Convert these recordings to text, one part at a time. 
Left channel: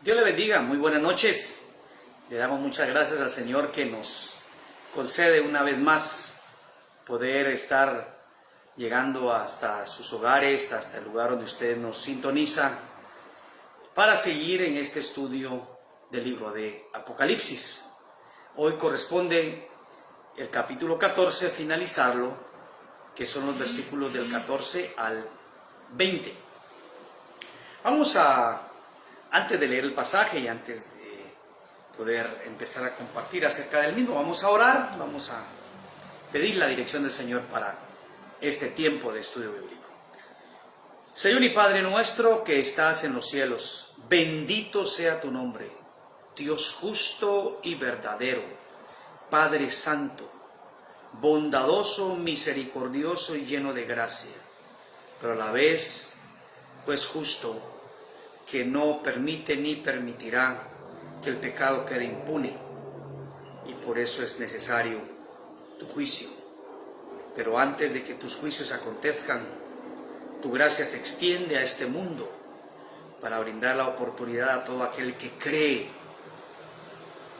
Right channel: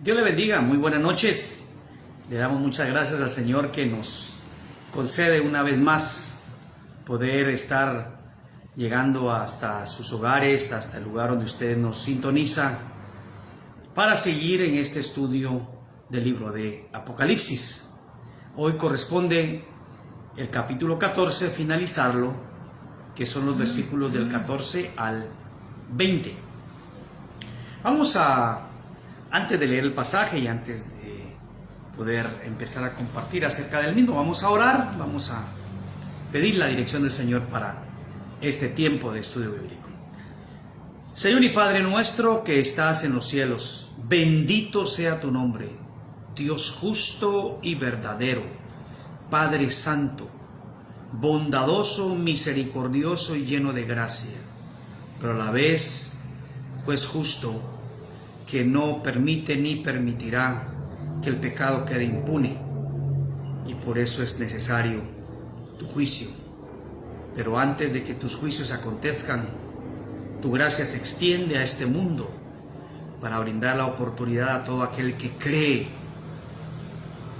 Dios le bendiga, muy buenas noches. Le damos muchas gracias al Señor que nos concede una vez más poder estar llegando hasta sus hogares, hasta el lugar donde usted nos sintoniza, para seguir en este estudio del libro de Apocalipsis. Hoy corresponde el capítulo 14, finalizarlo, que son los versículos del 14 al 20. Antes de leer el pasaje y antes de poder empezar a compartir acerca del mismo, vamos a orar, vamos a pedir la dirección del Señor para este tiempo de estudio bíblico. Señor y Padre nuestro que estás en los cielos, bendito sea tu nombre, Dios justo y verdadero, Padre santo, bondadoso, misericordioso y lleno de gracia, pero a la vez juez justo, que no permite ni permitirá que el pecado quede impune, y por eso es necesario tu juicio. Pero antes de que tus juicios acontezcan, tu gracia se extiende a este mundo para brindar la oportunidad a todo aquel que cree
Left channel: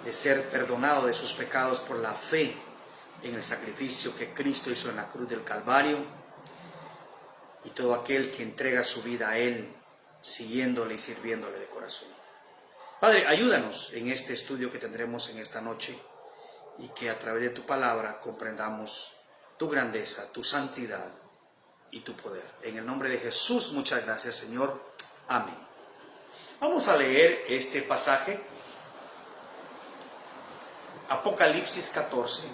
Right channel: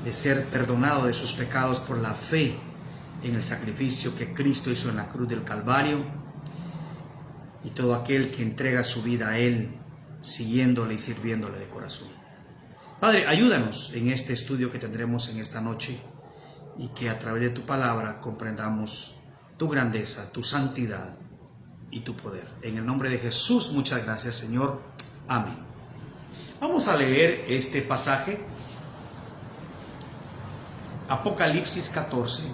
de ser perdonado de sus pecados por la fe en el sacrificio que Cristo hizo en la cruz del Calvario, y todo aquel que entrega su vida a Él, siguiéndole y sirviéndole de corazón. Padre, ayúdanos en este estudio que tendremos en esta noche, y que a través de tu palabra comprendamos tu grandeza, tu santidad y tu poder. En el nombre de Jesús, muchas gracias, Señor. Amén. Vamos a leer este pasaje, Apocalipsis 14,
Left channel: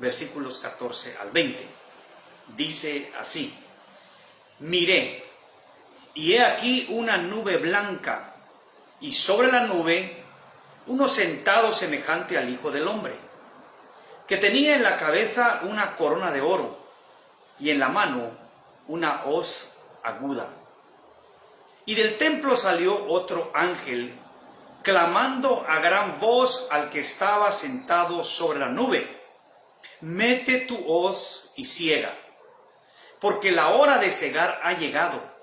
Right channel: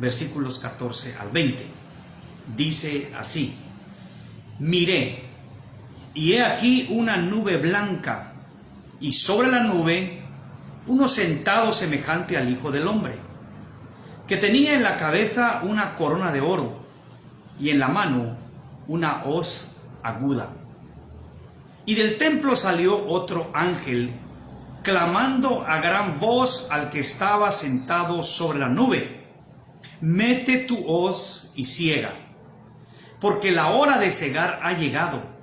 versículos 14 al 20. Dice así: miré, y he aquí una nube blanca, y sobre la nube uno sentado semejante al Hijo del Hombre, que tenía en la cabeza una corona de oro, y en la mano una hoz aguda. Y del templo salió otro ángel, clamando a gran voz al que estaba sentado sobre la nube: mete tu hoz y ciega, porque la hora de cegar ha llegado,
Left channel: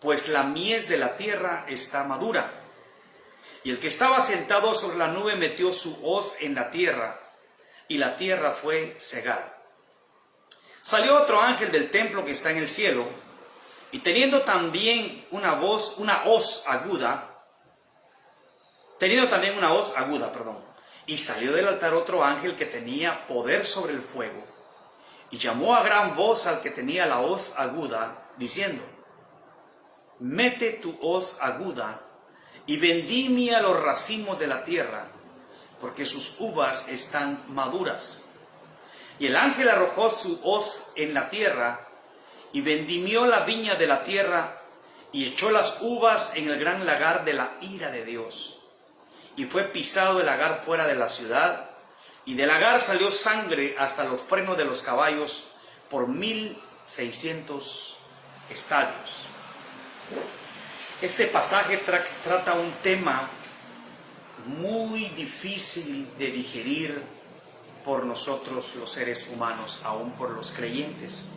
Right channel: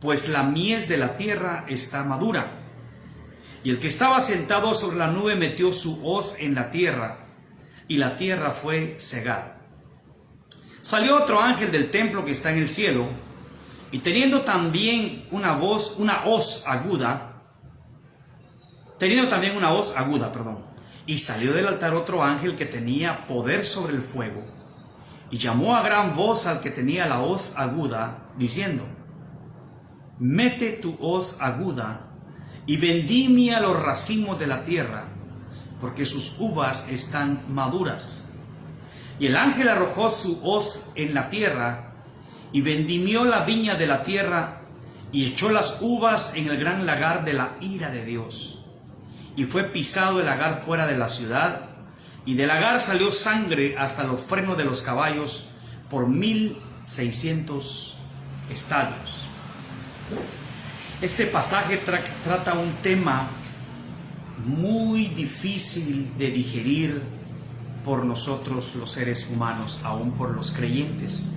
pues la mies de la tierra está madura. Y el que estaba sentado sobre la nube metió su hoz en la tierra, y la tierra fue cegada. Salió otro ángel del templo que está en el cielo, y teniendo también una hoz aguda, y salió del altar otro ángel que tenía poder sobre el fuego, y llamó a gran voz al que tenía la hoz aguda, diciendo: mete tu hoz aguda y vendimia los racimos de la tierra, porque sus uvas están maduras. Y el ángel arrojó su hoz en la tierra, y vendimió la viña de la tierra, y echó las uvas en el gran lagar de la ira de Dios. Y fue pisado el lagar fuera de la ciudad, y del lagar salió sangre hasta los frenos de los caballos por 1600 estadios. Este pasaje trata un tema muy difícil de digerir por nosotros los seres humanos, aún por los creyentes.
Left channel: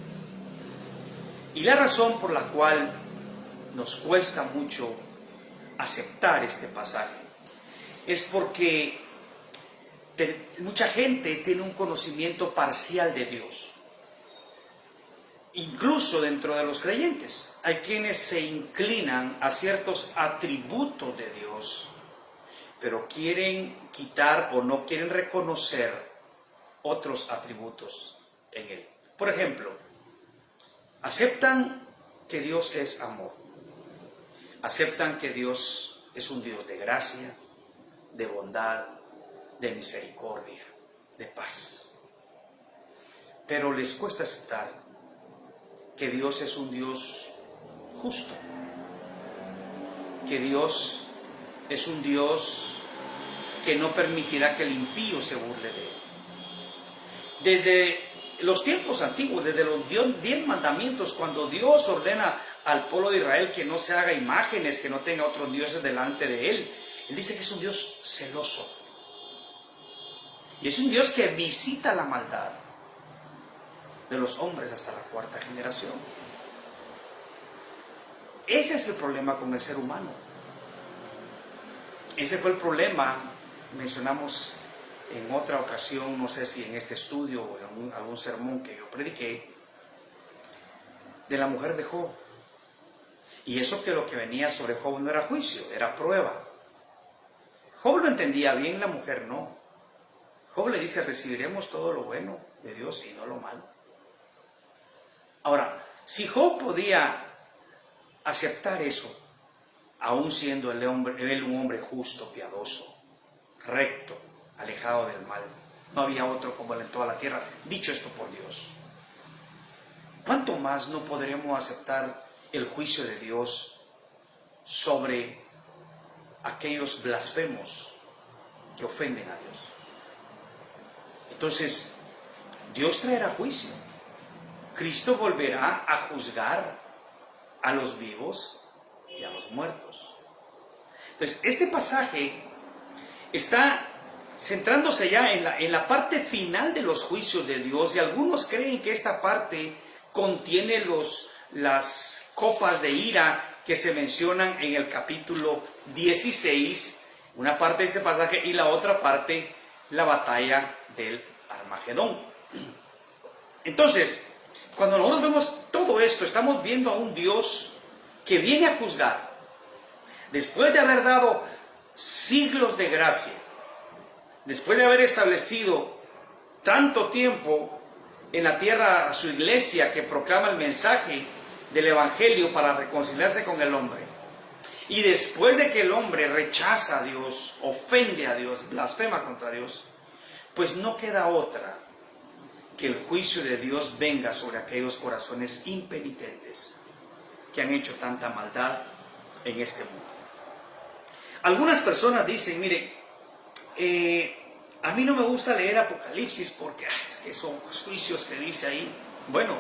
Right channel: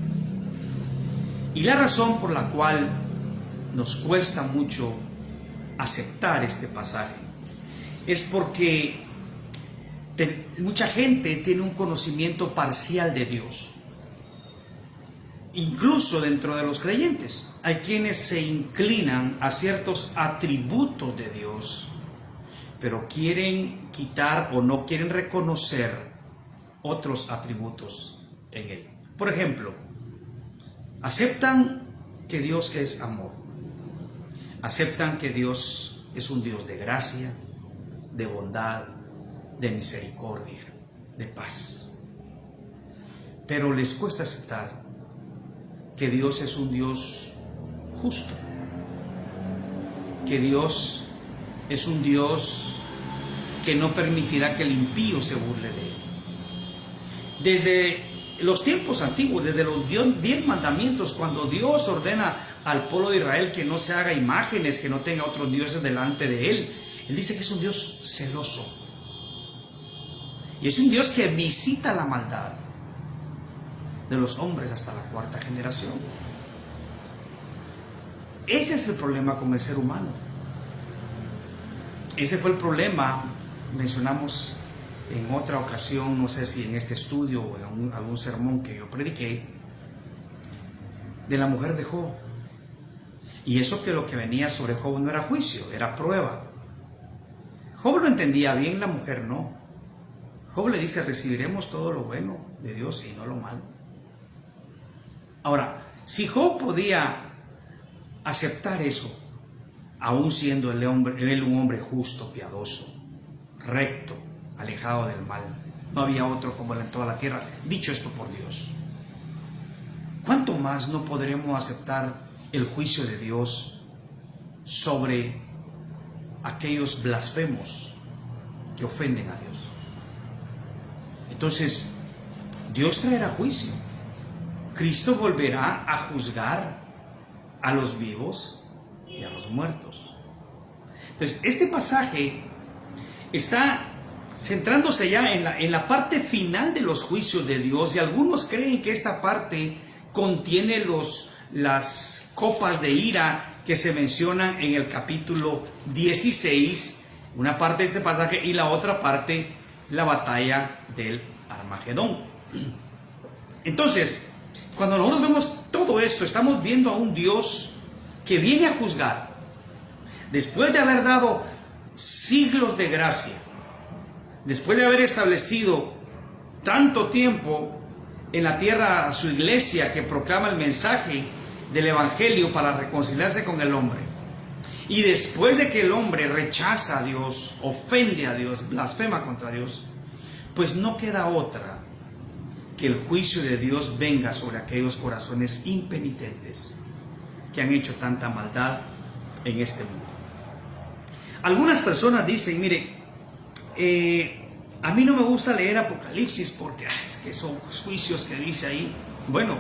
Y la razón por la cual nos cuesta mucho aceptar este pasaje es porque mucha gente tiene un conocimiento parcial de Dios. Incluso dentro de los creyentes hay quienes se inclinan a ciertos atributos de Dios, pero quieren quitar o no quieren reconocer otros atributos en Él. Por ejemplo, aceptan que Dios es amor, aceptan que Dios es un Dios de gracia, de bondad, de misericordia, de paz, pero les cuesta aceptar que Dios es un Dios justo, que Dios es un Dios que no permitirá que el impío se burle de Él. Desde los tiempos antiguos, desde los 10 mandamientos, cuando Dios ordena al pueblo de Israel que no se haga imágenes, que no tenga otros dioses delante de Él, Él dice que es un Dios celoso, y es un Dios que visita la maldad de los hombres hasta la 4ª generación. Ese es el problema con el ser humano. ese fue el problema, mencionamos en otra ocasión, no sé si en este estudio o en algún sermón que yo prediqué, de la mujer de Job. Y eso que lo que venía sobre Job no era juicio, era prueba. Job lo entendía bien, la mujer no. Job le dice, recibiremos todo lo bueno de Dios y no lo malo. Ahora, si Job podía aceptar eso, aún siendo él un hombre justo, piadoso, recto, alejado del mal, no había otro como él en toda la tierra, dicho esto por Dios, ¿cuánto más no podremos aceptar el juicio de Dios sobre aquellos blasfemos que ofenden a Dios? Entonces, Dios traerá juicio. Cristo volverá a juzgar a los vivos y a los muertos. Entonces, este pasaje está centrándose ya en la parte final de los juicios de Dios, y algunos creen que esta parte contiene las copas de ira que se mencionan en el capítulo 16, una parte de este pasaje, y la otra parte, la batalla del Armagedón. Entonces, cuando nosotros vemos todo esto, estamos viendo a un Dios que viene a juzgar. Después de haber dado siglos de gracia, después de haber establecido tanto tiempo en la tierra a su iglesia que proclama el mensaje del Evangelio para reconciliarse con el hombre, y después de que el hombre rechaza a Dios, ofende a Dios, blasfema contra Dios, pues no queda otra que el juicio de Dios venga sobre aquellos corazones impenitentes que han hecho tanta maldad en este mundo. Algunas personas dicen, mire, a mí no me gusta leer Apocalipsis porque es que son juicios que dice ahí. Bueno,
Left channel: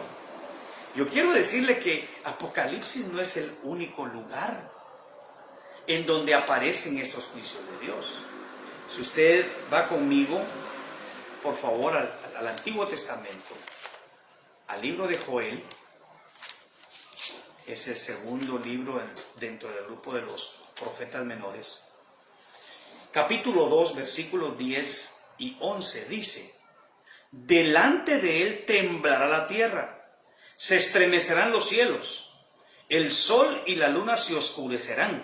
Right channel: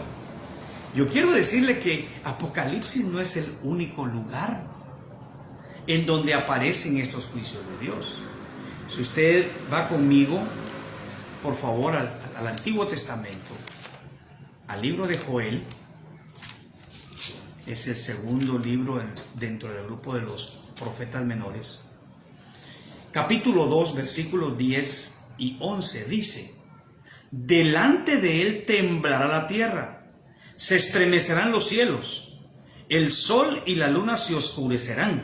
yo quiero decirle que Apocalipsis no es el único lugar en donde aparecen estos juicios de Dios. Si usted va conmigo, por favor, al Antiguo Testamento, al libro de Joel, es el segundo libro dentro del grupo de los profetas menores. Capítulo 2, versículos 10 y 11 dice: delante de él temblará la tierra, se estremecerán los cielos, el sol y la luna se oscurecerán,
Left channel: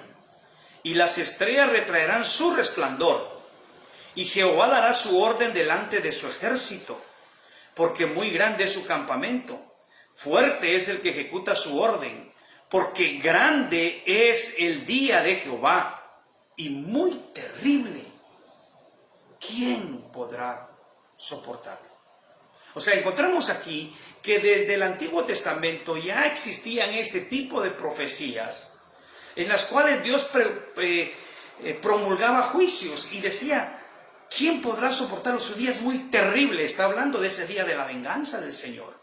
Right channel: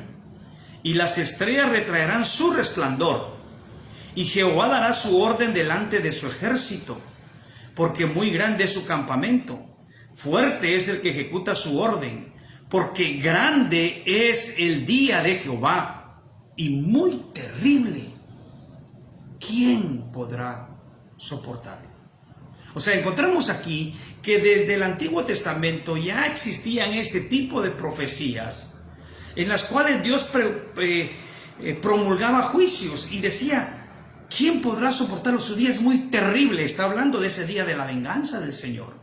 y las estrellas retraerán su resplandor, y Jehová dará su orden delante de su ejército, porque muy grande es su campamento, fuerte es el que ejecuta su orden, porque grande es el día de Jehová, y muy terrible. ¿Quién podrá soportarlo? O sea, encontramos aquí que desde el Antiguo Testamento ya existían este tipo de profecías en las cuales Dios promulgaba juicios y decía, ¿quién podrá soportarlo? Su día es muy terrible. Está hablando de ese día de la venganza del Señor.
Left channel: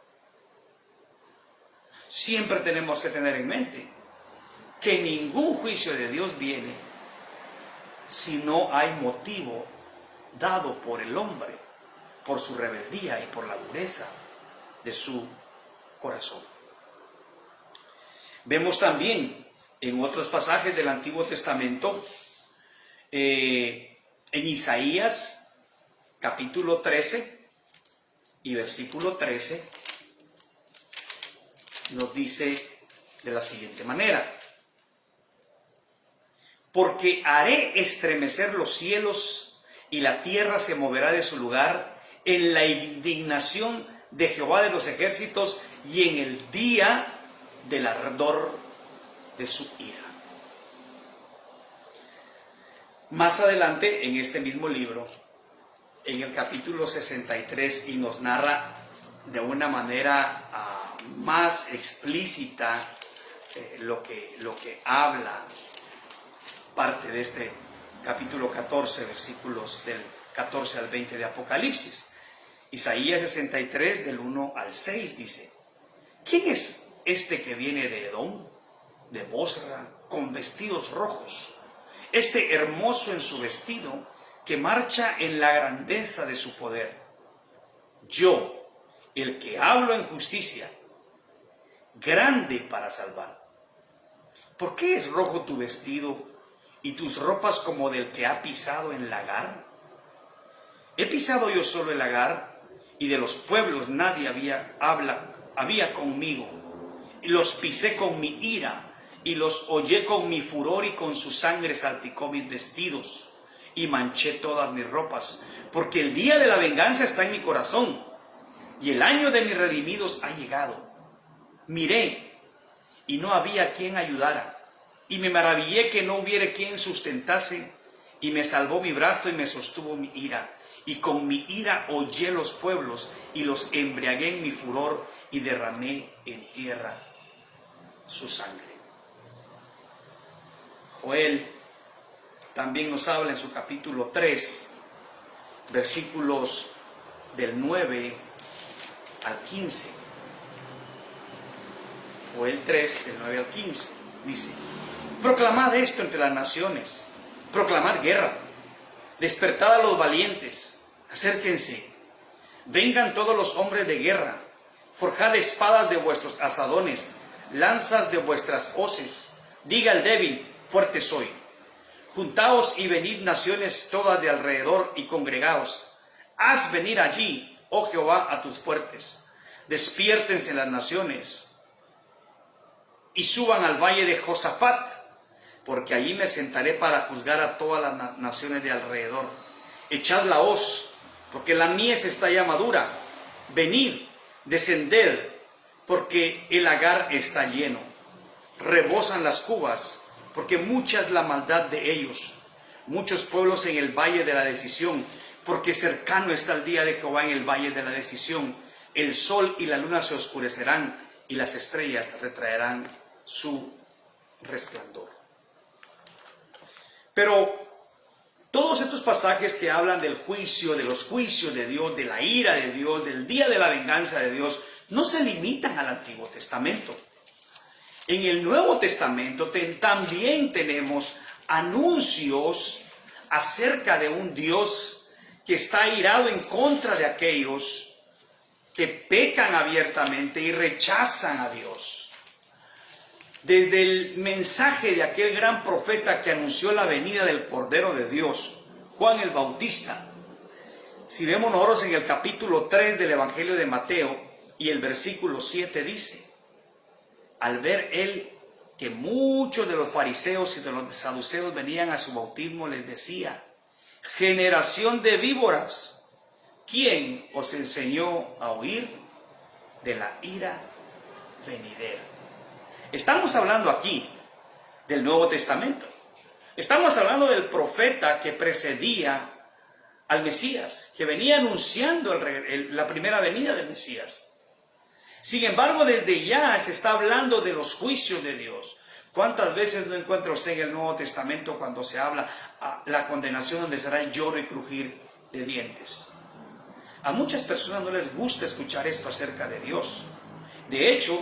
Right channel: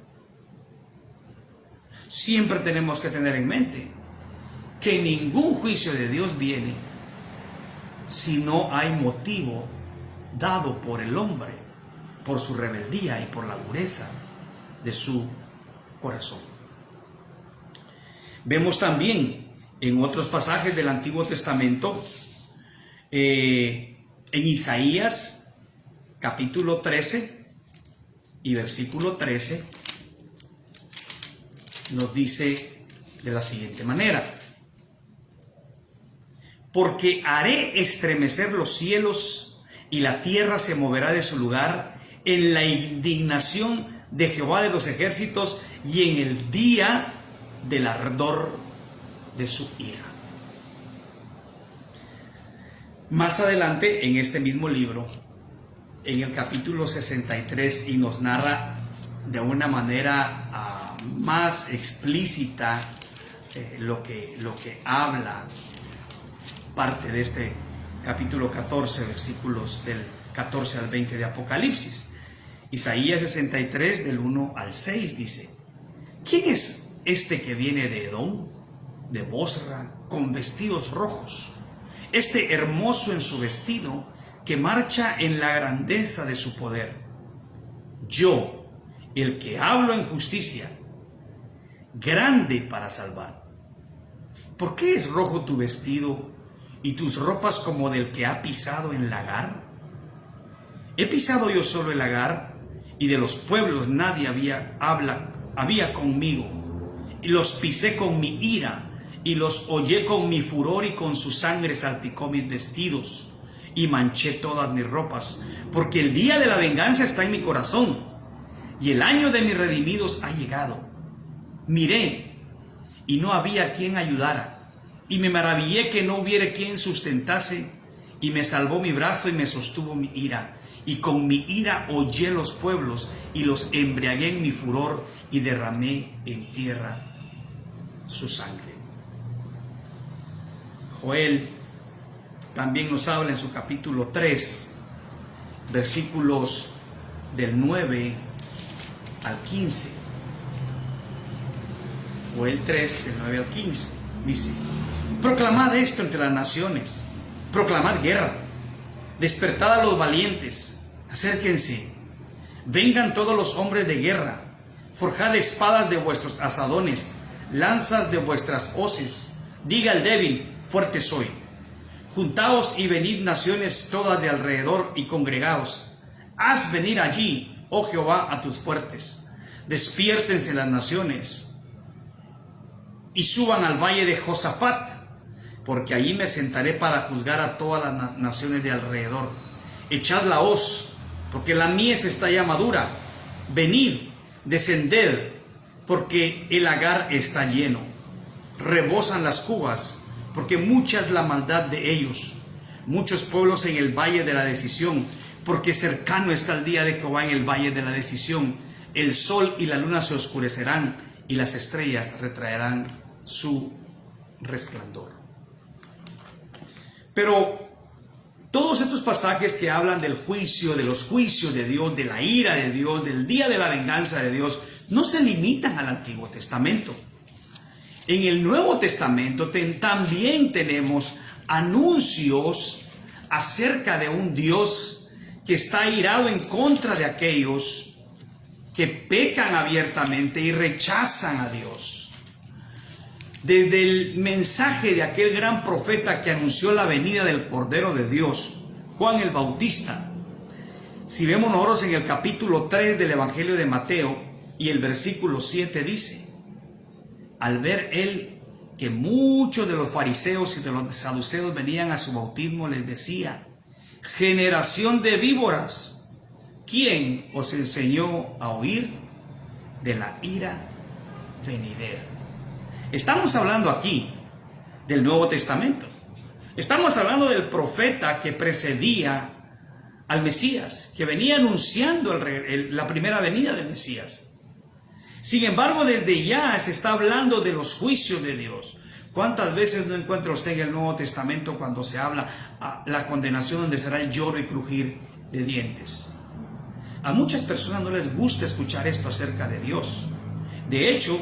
Siempre tenemos que tener en mente que ningún juicio de Dios viene si no hay motivo dado por el hombre, por su rebeldía y por la dureza de su corazón. Vemos también en otros pasajes del Antiguo Testamento, en Isaías capítulo 13 y versículo 13, nos dice de la siguiente manera: porque haré estremecer los cielos y la tierra se moverá de su lugar en la indignación de Jehová de los ejércitos y en el día del ardor de su ira. Más adelante en este mismo libro, en el capítulo 63, y nos narra de una manera más explícita lo que habla parte de este capítulo 14, versículos del 14 al 20 de Apocalipsis. Isaías 63, del 1 al 6 dice: ¿quién es este que viene de Edom, de Bosra, con vestidos rojos? Este hermoso en su vestido, que marcha en la grandeza de su poder. Yo, el que hablo en justicia, grande para salvar. ¿Por qué es rojo tu vestido y tus ropas como del que ha pisado en lagar? ¿He pisado yo solo el lagar, y de los pueblos nadie había conmigo? Y los pisé con mi ira, y los hollé con mi furor, y con su sangre salpicó mis vestidos, y manché todas mis ropas, porque el día de la venganza está en mi corazón, y el año de mis redimidos ha llegado. Miré, y no había quien ayudara, y me maravillé que no hubiera quien sustentase, y me salvó mi brazo y me sostuvo mi ira, y con mi ira hollé los pueblos, y los embriagué en mi furor, y derramé en tierra su sangre. Joel también nos habla en su capítulo 3, versículos del 9 al 15. Joel 3, del 9 al 15, dice: proclamad esto entre las naciones, proclamad guerra, despertad a los valientes, acérquense, vengan todos los hombres de guerra, forjad espadas de vuestros asadones, lanzas de vuestras hoces, diga el débil, fuerte soy. Juntaos y venid naciones todas de alrededor y congregaos, haz venir allí, oh Jehová, a tus fuertes, despiértense las naciones y suban al valle de Josafat, porque allí me sentaré para juzgar a todas las naciones de alrededor. Echad la hoz, porque la mies está ya madura. Venid, descended, porque el lagar está lleno. Rebosan las cubas, porque mucha es la maldad de ellos. Muchos pueblos en el valle de la decisión, porque cercano está el día de Jehová en el valle de la decisión. El sol y la luna se oscurecerán, y las estrellas retraerán su resplandor. Pero todos estos pasajes que hablan del juicio, de los juicios de Dios, de la ira de Dios, del día de la venganza de Dios, no se limitan al Antiguo Testamento. En el Nuevo Testamento también tenemos anuncios acerca de un Dios que está airado en contra de aquellos que pecan abiertamente y rechazan a Dios. Desde el mensaje de aquel gran profeta que anunció la venida del Cordero de Dios, Juan el Bautista. Si vemos nosotros en el capítulo 3 del Evangelio de Mateo y el versículo 7 dice: al ver él que muchos de los fariseos y de los saduceos venían a su bautismo, les decía: generación de víboras, ¿quién os enseñó a huir de la ira venidera? Estamos hablando aquí del Nuevo Testamento. Estamos hablando del profeta que precedía al Mesías, que venía anunciando la primera venida del Mesías. Sin embargo, desde ya se está hablando de los juicios de Dios. ¿Cuántas veces no encuentra usted en el Nuevo Testamento cuando se habla de la condenación, donde será el lloro y crujir de dientes? A muchas personas no les gusta escuchar esto acerca de Dios. De hecho,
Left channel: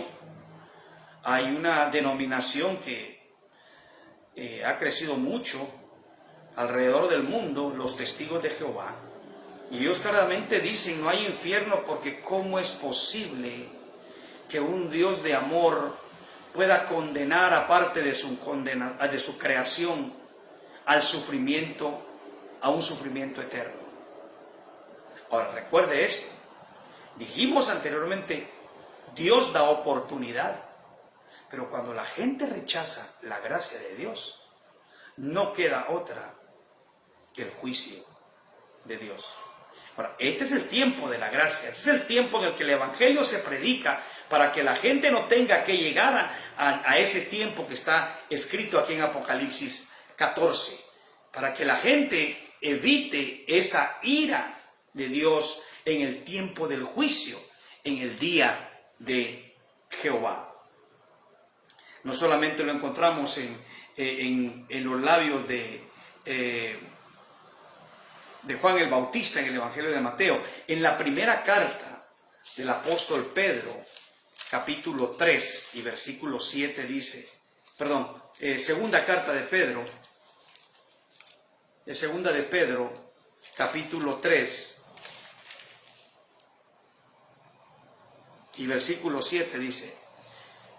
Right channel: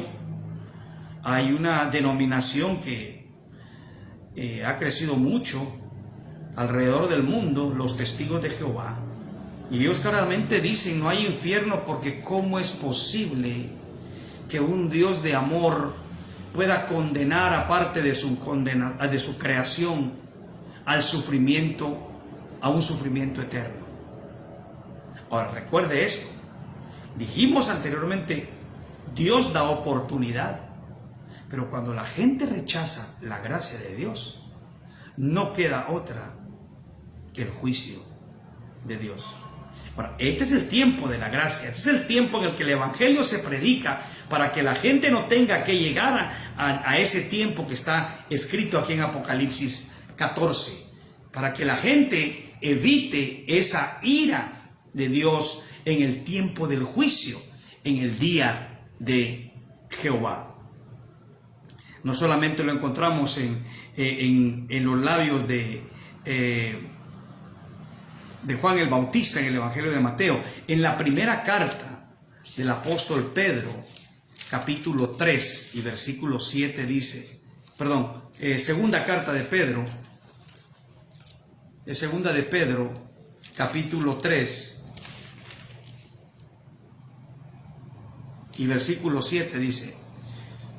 hay una denominación que ha crecido mucho alrededor del mundo, los testigos de Jehová, y ellos claramente dicen: no hay infierno, porque ¿cómo es posible que un Dios de amor pueda condenar, aparte de su creación, al sufrimiento, a un sufrimiento eterno? Ahora, recuerde esto, dijimos anteriormente, Dios da oportunidad. Pero cuando la gente rechaza la gracia de Dios, no queda otra que el juicio de Dios. Bueno, este es el tiempo de la gracia, este es el tiempo en el que el Evangelio se predica, para que la gente no tenga que llegar a ese tiempo que está escrito aquí en Apocalipsis 14, para que la gente evite esa ira de Dios en el tiempo del juicio, en el día de Jehová. No solamente lo encontramos en los labios de Juan el Bautista en el Evangelio de Mateo. En la primera carta del apóstol Pedro, capítulo 3 y versículo 7 dice, segunda carta de Pedro, segunda de Pedro, capítulo 3 y versículo 7 dice:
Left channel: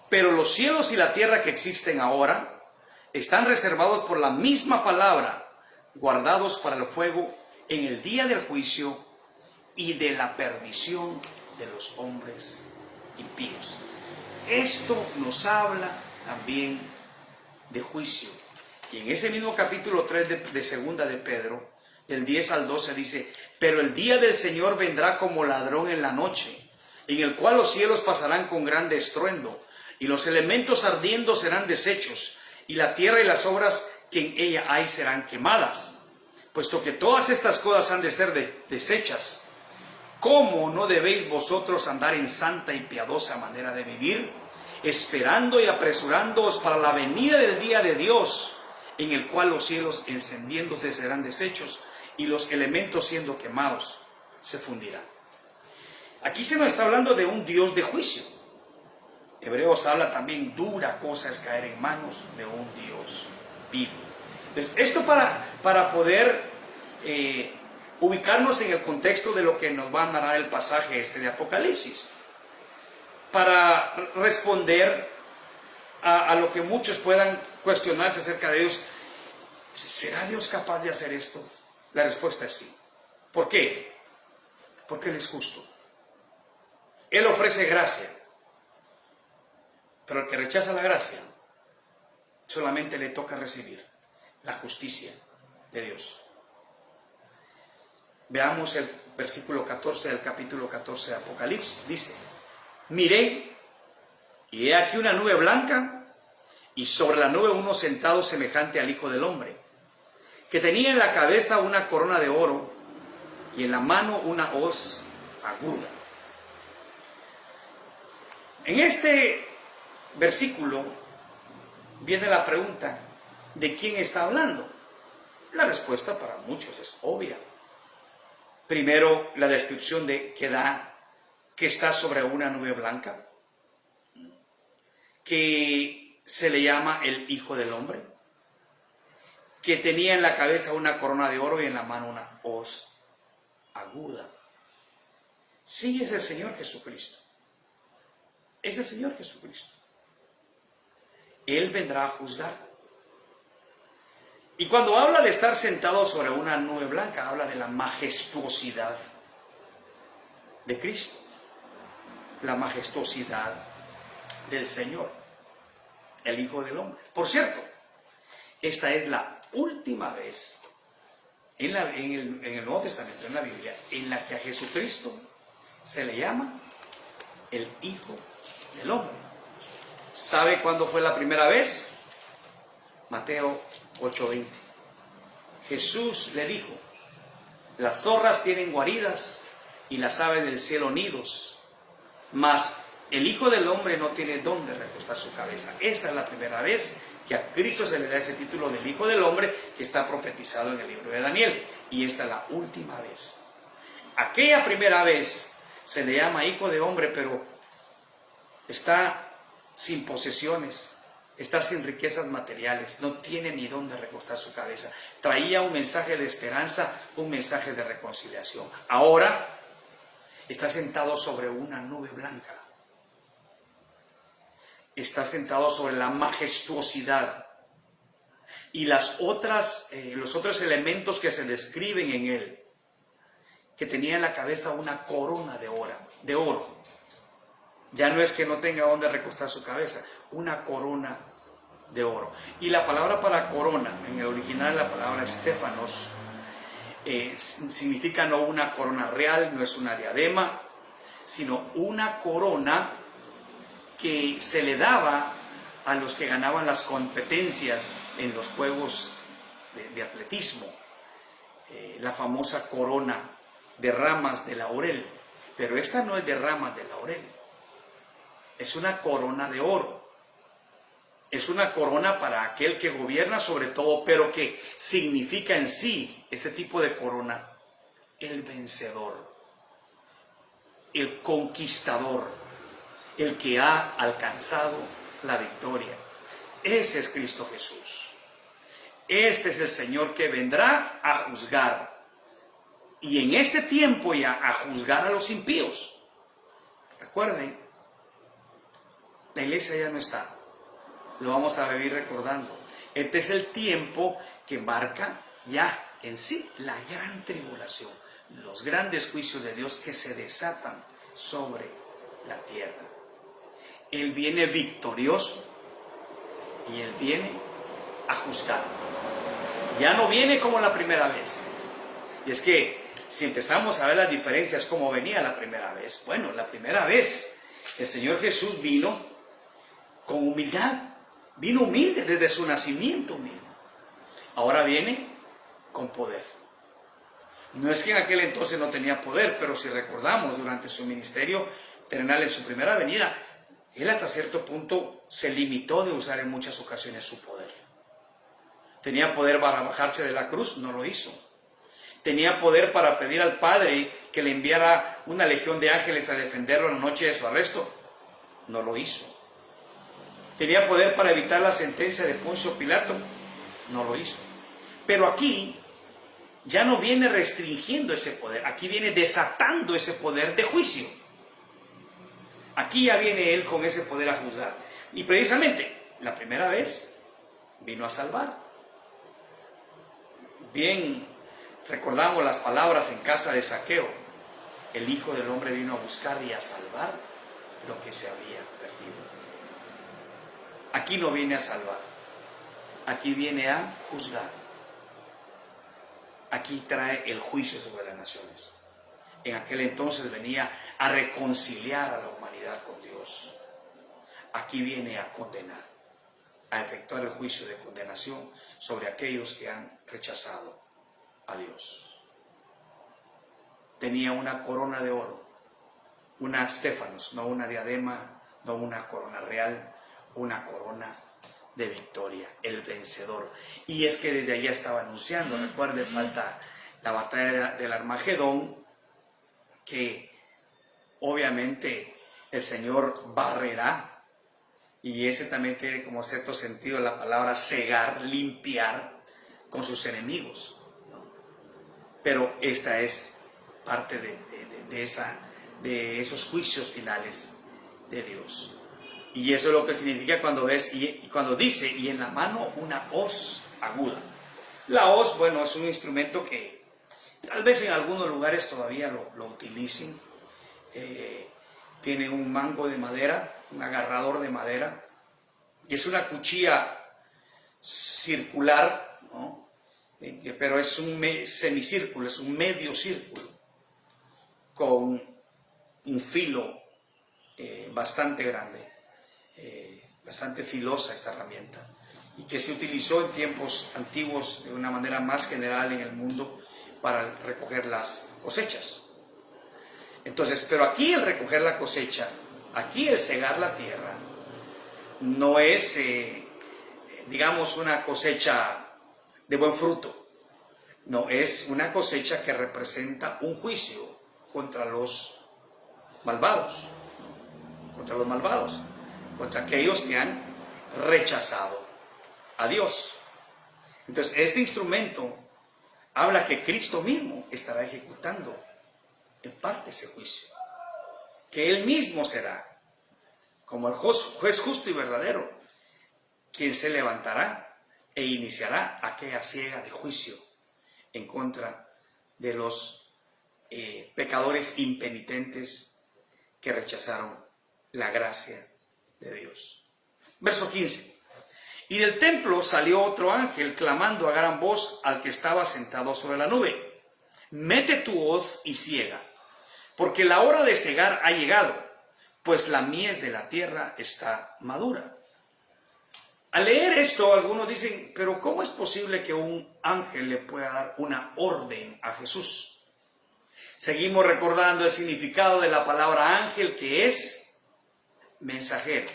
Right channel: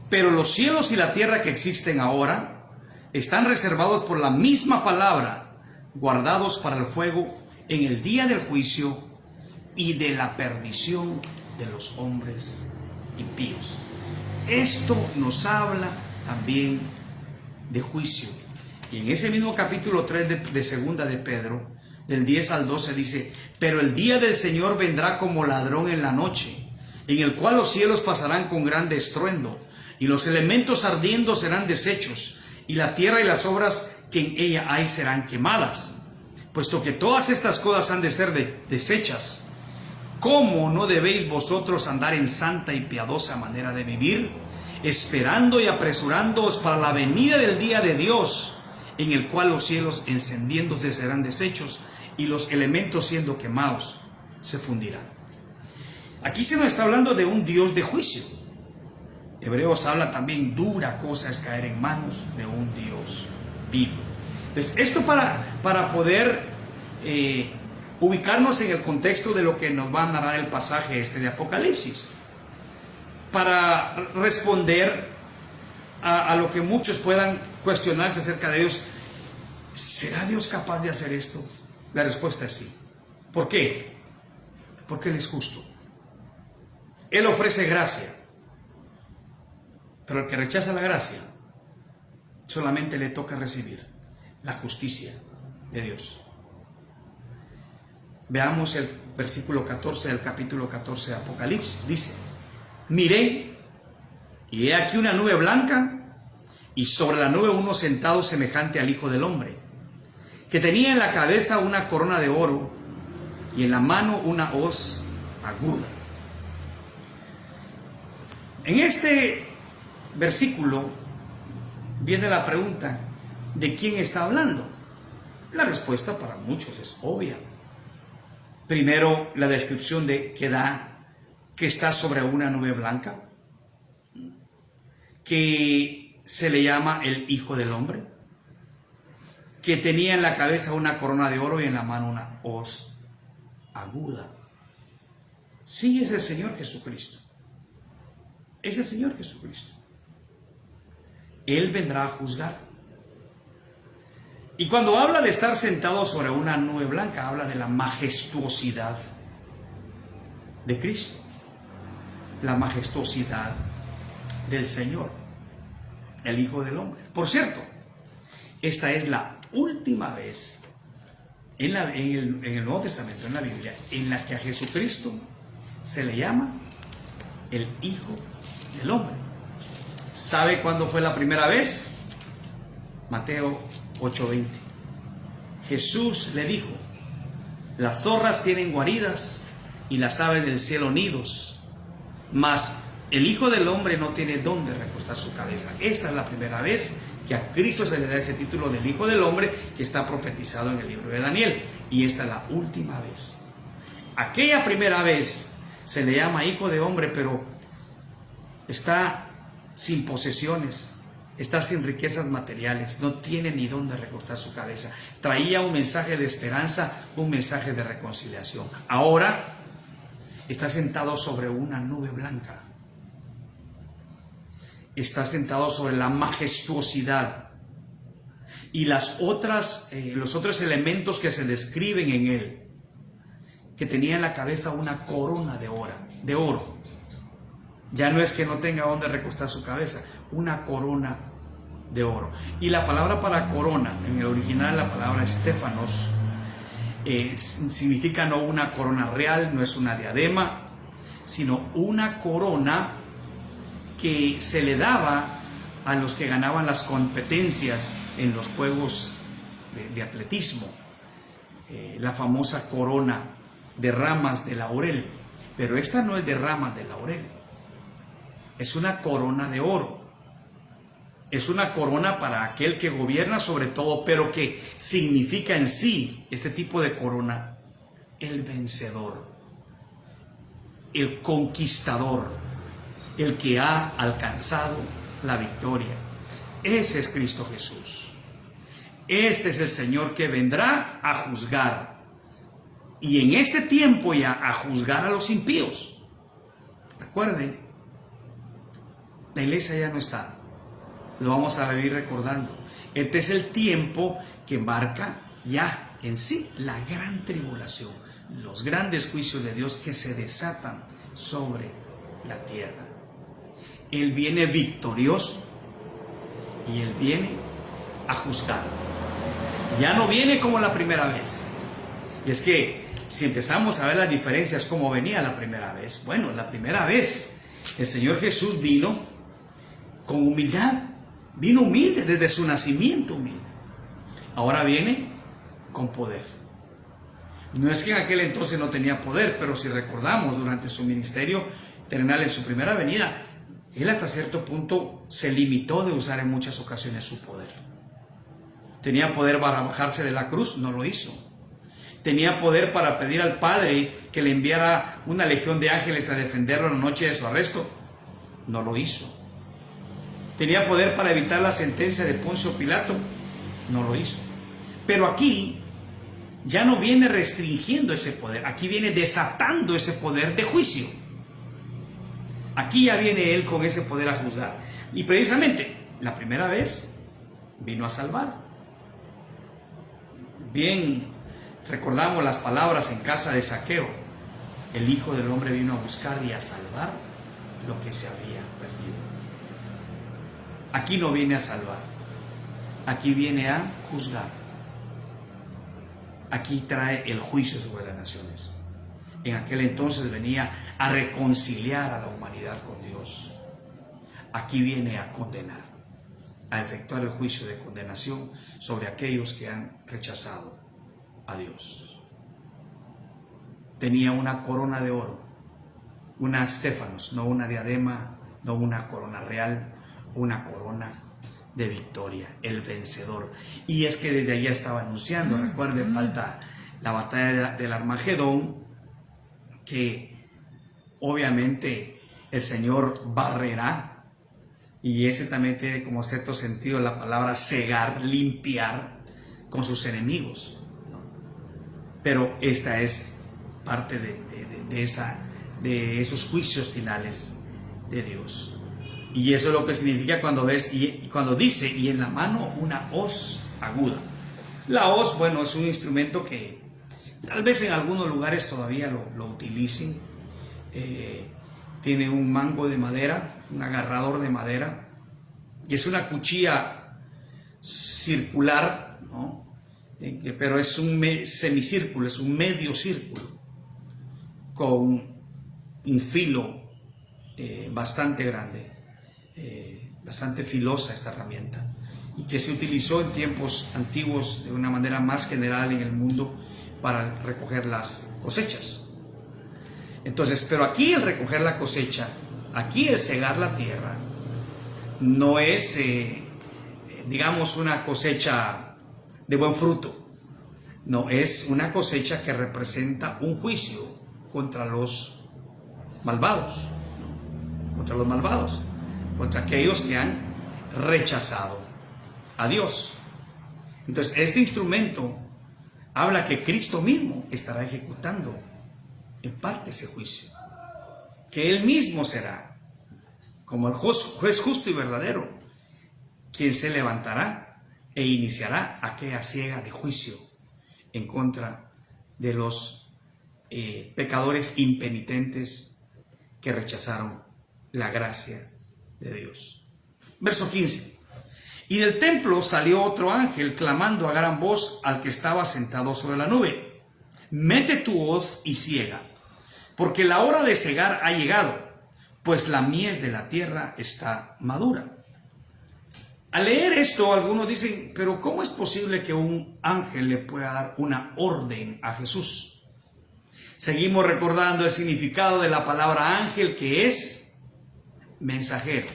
pero los cielos y la tierra que existen ahora están reservados por la misma palabra, guardados para el fuego en el día del juicio y de la perdición de los hombres impíos. Esto nos habla también de juicio. Y en ese mismo capítulo 3 de segunda de Pedro, del 10 al 12 dice: pero el día del Señor vendrá como ladrón en la noche, en el cual los cielos pasarán con grande estruendo, y los elementos ardiendo serán deshechos, y la tierra y las obras que en ella hay serán quemadas. Puesto que todas estas cosas han de ser deshechas, ¿cómo no debéis vosotros andar en santa y piadosa manera de vivir, esperando y apresurándoos para la venida del día de Dios, en el cual los cielos encendiéndose serán deshechos y los elementos siendo quemados se fundirán? Aquí se nos está hablando de un Dios de juicio. Hebreos habla también: dura cosa es caer en manos de un Dios vivo. Entonces, esto para poder ubicarnos en el contexto de lo que nos va a narrar el pasaje de Apocalipsis, para responder a lo que muchos puedan cuestionarse acerca de Dios. ¿Será Dios capaz de hacer esto? La respuesta es sí. ¿Por qué? Porque Él es justo. Él ofrece gracia, pero el que rechaza la gracia solamente le toca recibir la justicia de Dios. Veamos el versículo 14 del capítulo 14 de Apocalipsis. Dice: miré, y he aquí una nube blanca, y sobre la nube uno sentado semejante al Hijo del Hombre, que tenía en la cabeza una corona de oro, y en la mano una hoz aguda. En este versículo viene la pregunta: ¿de quién está hablando? La respuesta para muchos es obvia. Primero, la descripción que está sobre una nube blanca, que se le llama el Hijo del Hombre, que tenía en la cabeza una corona de oro y en la mano una hoz aguda. Sí, es el Señor Jesucristo. Es el Señor Jesucristo. Él vendrá a juzgar. Y cuando habla de estar sentado sobre una nube blanca, habla de la majestuosidad de Cristo, la majestuosidad del Señor, el Hijo del Hombre. Por cierto, esta es la última vez en el Nuevo Testamento, en la Biblia, en la que a Jesucristo se le llama el Hijo del Hombre. ¿Sabe cuándo fue la primera vez? Mateo 8:20. Jesús le dijo: las zorras tienen guaridas y las aves del cielo nidos, mas el Hijo del Hombre no tiene dónde recostar su cabeza. Esa es la primera vez que a Cristo se le da ese título del Hijo del Hombre, que está profetizado en el libro de Daniel. Y esta es la última vez. Aquella primera vez se le llama Hijo de Hombre, pero está sin posesiones, está sin riquezas materiales, no tiene ni dónde recostar su cabeza. Traía un mensaje de esperanza, un mensaje de reconciliación. Ahora está sentado sobre una nube blanca. Está sentado sobre la majestuosidad y los otros elementos que se describen en él, que tenía en la cabeza una corona de oro. Ya no es que no tenga donde recostar su cabeza, una corona de oro. Y la palabra para corona, en el original la palabra estéfanos, significa no una corona real, no es una diadema, sino una corona que se le daba a los que ganaban las competencias en los juegos de atletismo, la famosa corona de ramas de laurel. Pero esta no es de ramas de laurel, es una corona de oro. Es una corona para aquel que gobierna sobre todo, pero que significa en sí, este tipo de corona, el vencedor, el conquistador, el que ha alcanzado la victoria. Ese es Cristo Jesús. Este es el Señor que vendrá a juzgar. Y en este tiempo ya a juzgar a los impíos. Recuerden, la iglesia ya no está. lo vamos a vivir recordando. Este es el tiempo que marca ya en sí la gran tribulación, los grandes juicios de Dios que se desatan sobre la tierra. Él viene victorioso y Él viene a juzgar. Ya no viene como la primera vez. Y es que si empezamos a ver las diferencias como venía la primera vez, bueno, la primera vez el Señor Jesús vino con humildad, vino humilde desde su nacimiento humilde. Ahora viene con poder. No es que en aquel entonces no tenía poder, pero si recordamos durante su ministerio terrenal, en su primera venida, Él hasta cierto punto se limitó de usar en muchas ocasiones su poder. Tenía poder para bajarse de la cruz, no lo hizo. Tenía poder para pedir al Padre que le enviara una legión de ángeles a defenderlo en la noche de su arresto, no lo hizo. Tenía poder para evitar la sentencia de Poncio Pilato, no lo hizo. Pero aquí ya no viene restringiendo ese poder, aquí viene desatando ese poder de juicio. Aquí ya viene Él con ese poder a juzgar. Y precisamente, la primera vez vino a salvar. Bien, recordamos las palabras en casa de Zaqueo. El Hijo del Hombre vino a buscar y a salvar lo que se había perdido. Aquí no viene a salvar, aquí viene a juzgar. Aquí trae el juicio sobre las naciones. En aquel entonces venía a reconciliar a la humanidad con Dios. Aquí viene a condenar, a efectuar el juicio de condenación sobre aquellos que han rechazado a Dios. Tenía una corona de oro, una estéfanos, no una diadema, no una corona real, una corona de victoria, el vencedor. Y es que desde allá estaba anunciando, recuerden, falta la batalla del Armagedón, que obviamente el Señor barrerá, y ese también tiene como cierto sentido la palabra cegar, limpiar con sus enemigos. Pero esta es parte de esos juicios finales de Dios. Y eso es lo que significa cuando ves, y cuando dice, y en la mano una hoz aguda. La hoz, bueno, es un instrumento que tal vez en algunos lugares todavía lo utilicen. Tiene un mango de madera, un agarrador de madera, y es una cuchilla circular, ¿no? Pero es un semicírculo, es un medio círculo, con un filo bastante grande. Bastante filosa esta herramienta, y que se utilizó en tiempos antiguos de una manera más general en el mundo para recoger las cosechas. Entonces, pero aquí el recoger la cosecha, aquí el cegar la tierra, no es, digamos, una cosecha de buen fruto, no, es una cosecha que representa un juicio contra los malvados, contra aquellos que han rechazado a Dios. Entonces, este instrumento habla que Cristo mismo estará ejecutando en parte ese juicio, que Él mismo será, como el juez justo y verdadero, quien se levantará e iniciará aquella siega de juicio en contra de los pecadores impenitentes que rechazaron la gracia de Dios. Verso 15. Y del templo salió otro ángel clamando a gran voz al que estaba sentado sobre la nube: mete tu hoz y ciega, porque la hora de cegar ha llegado, pues la mies de la tierra está madura. Al leer esto, algunos dicen, pero ¿cómo es posible que un ángel le pueda dar una orden a Jesús? Seguimos recordando el significado de la palabra ángel, que es mensajero.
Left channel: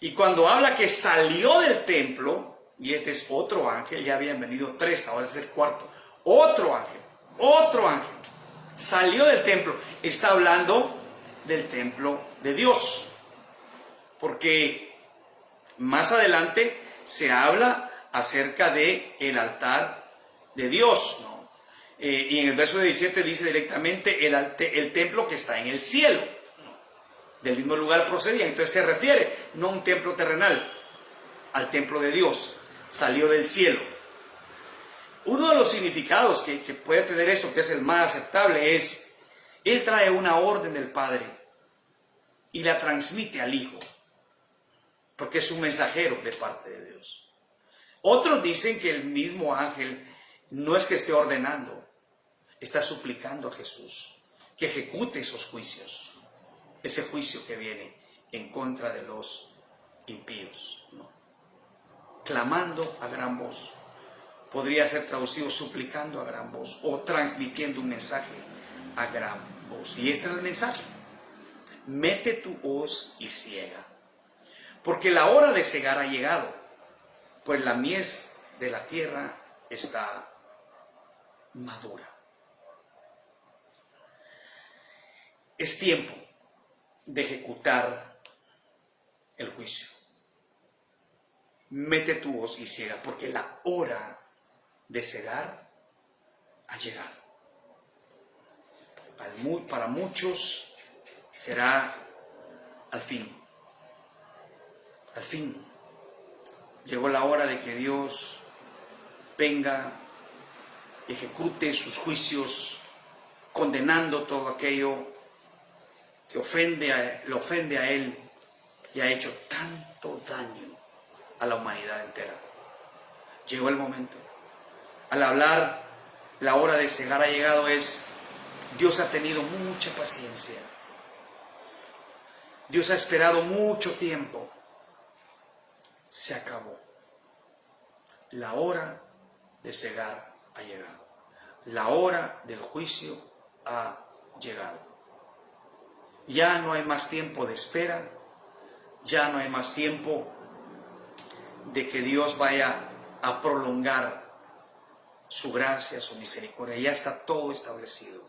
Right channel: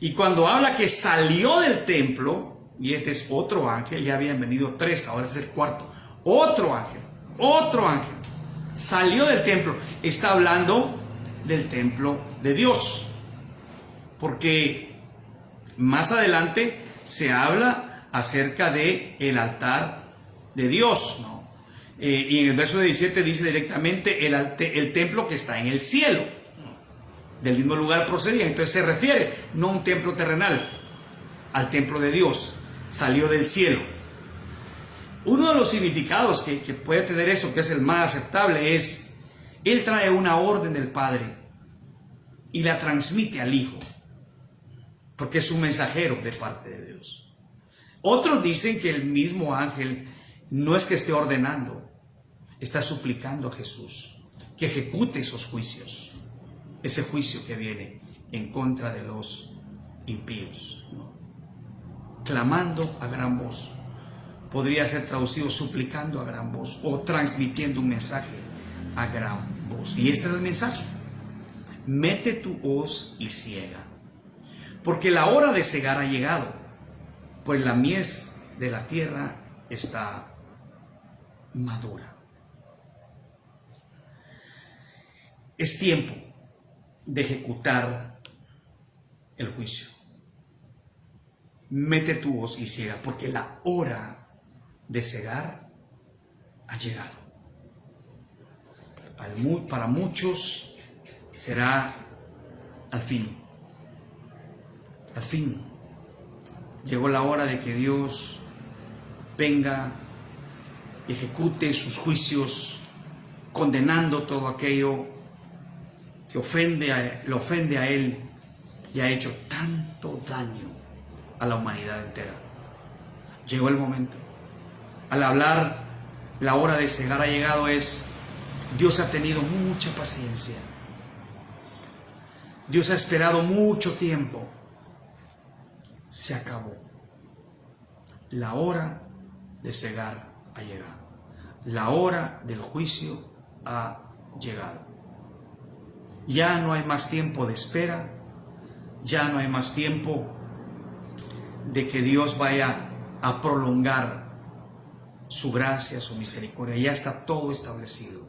Y cuando habla que salió del templo, y este es otro ángel, ya habían venido tres, ahora es el cuarto, otro ángel, salió del templo, está hablando del templo de Dios, porque más adelante se habla acerca de el altar de Dios, ¿no? Y en el verso 17 dice directamente el templo que está en el cielo. Del mismo lugar procedía, entonces se refiere no a un templo terrenal, al templo de Dios, salió del cielo. Uno de los significados que puede tener esto, que es el más aceptable, es: Él trae una orden del Padre y la transmite al Hijo, porque es un mensajero de parte de Dios. Otros dicen que el mismo ángel no es que esté ordenando, está suplicando a Jesús que ejecute esos juicios, ese juicio que viene en contra de los impíos, ¿no? Clamando a gran voz. Podría ser traducido suplicando a gran voz o transmitiendo un mensaje a gran voz. Y este es el mensaje: mete tu hoz y ciega, porque la hora de cegar ha llegado, pues la mies de la tierra está madura. Es tiempo de ejecutar el juicio. Mete tu hoz y ciega, porque la hora de cegar ha llegado. Para muchos será al fin. Al fin llegó la hora de que Dios venga y ejecute sus juicios, condenando todo aquello que lo ofende a Él y ha hecho tanto daño a la humanidad entera. Llegó el momento. Al hablar la hora de cegar ha llegado, Dios ha tenido mucha paciencia. Dios ha esperado mucho tiempo. Se acabó. La hora de cegar ha llegado. La hora del juicio ha llegado. Ya no hay más tiempo de espera. Ya no hay más tiempo de que Dios vaya a prolongar su gracia, su misericordia. Ya está todo establecido.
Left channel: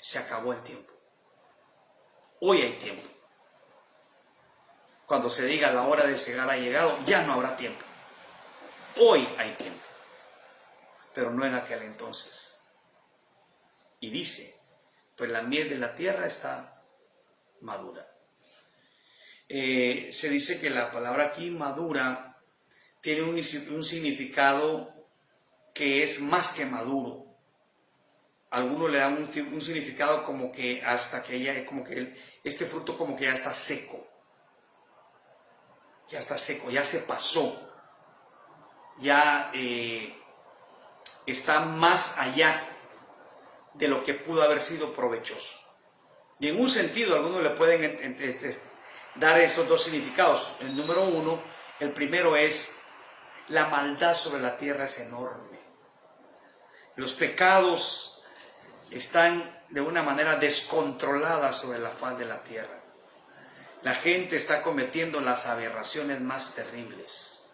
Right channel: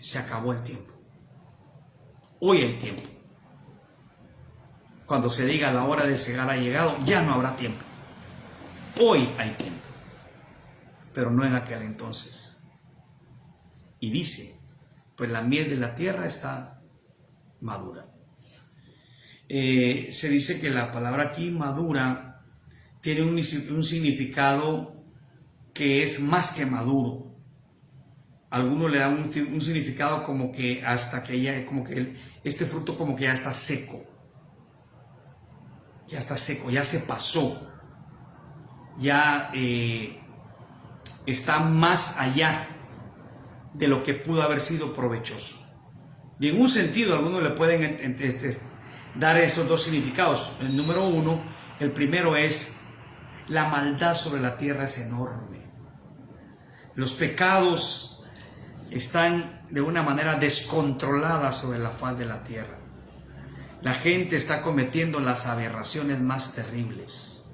Se acabó el tiempo. Hoy hay tiempo. Cuando se diga la hora de cegar ha llegado, ya no habrá tiempo. Hoy hay tiempo, pero no en aquel entonces. Y dice: pues la miel de la tierra está madura. Se dice que la palabra aquí, madura, tiene un significado que es más que maduro. Algunos le dan un significado como que hasta que ya, como que este fruto como que ya está seco. Ya está seco, ya se pasó. Ya está más allá de lo que pudo haber sido provechoso. Y en un sentido, algunos le pueden dar esos dos significados. El número uno, el primero es: la maldad sobre la tierra es enorme. Los pecados están de una manera descontrolada sobre la faz de la tierra. La gente está cometiendo las aberraciones más terribles.